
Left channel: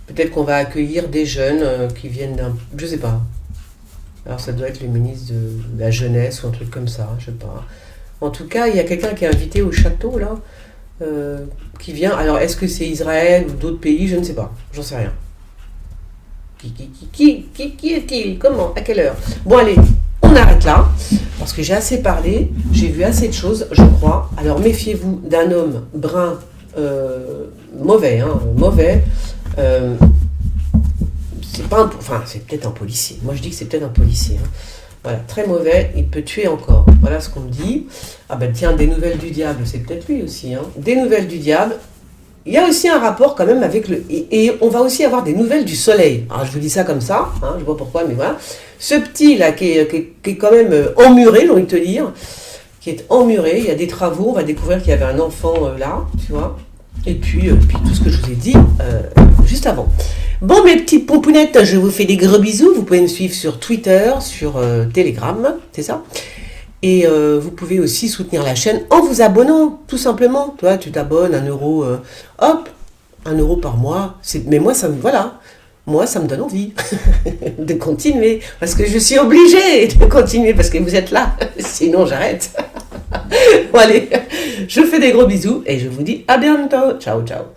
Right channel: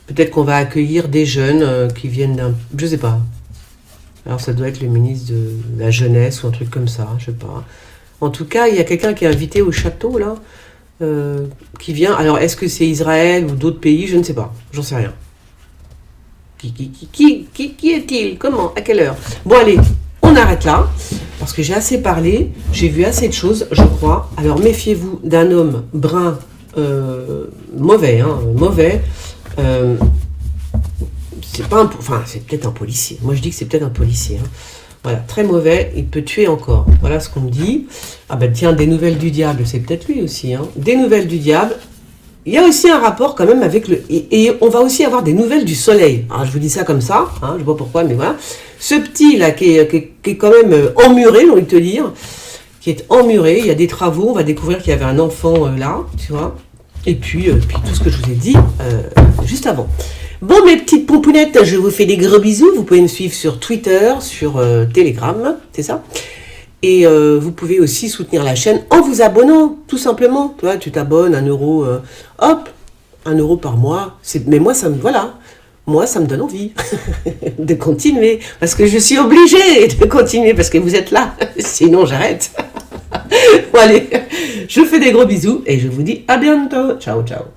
Peut-être qu'on va accueillir des jeunes qui viennent d'un... Je sais pas. Alors ça doit être le ministre de la jeunesse ou un truc comme ça, je sais pas. En tout cas, il y a quelqu'un qui est invité au château, là, qui vient. Alors, est-ce que c'est Israël ou d'autres pays? Je ne sais pas. J'en sais rien. Qui est-il? Comment? À quelle heure? Bon, allez, on arrête là, parce que j'ai assez parlé, j'ai vu assez de choses, je crois. Alors, méfiez-vous d'un homme brun, mauvais, mauvais. C'est pas c'est peut-être un policier. Moi, je dis que c'est peut-être un policier. Voilà, très mauvais, il peut tuer encore. Voilà ce qu'on me dit. Ah ben tiens, des nouvelles du diable, c'est peut-être lui aussi. Des nouvelles du diable. Il y a aussi un rapport quand même avec le... Et on va aussi avoir des nouvelles du soleil. Alors je vous dis ça comme ça, je ne sais pas pourquoi, mais voilà. Ce petit là qui est quand même emmuré, j'ai envie de te dire, qui est emmuré, il y a des travaux, on va découvrir qu'il y avait un enfant là, tu vois. Et puis tout ce que je vous ai dit juste avant. Bon, mes petites pompounettes, je vous fais des gros bisous. Vous pouvez me suivre sur Twitter, sur Telegram, c'est ça. Et vous pouvez aussi soutenir la chaîne en vous abonnant, tout simplement. Toi, tu t'abonnes, 1 euro, hop, 1 euro par mois. Mais moi, ça me donne envie de continuer. Parce que je suis obligée de continuer, parce que vous êtes là. Sinon, j'arrête. Bon, allez, je vous fais des gros bisous et je vous dis à bientôt. Ciao, ciao.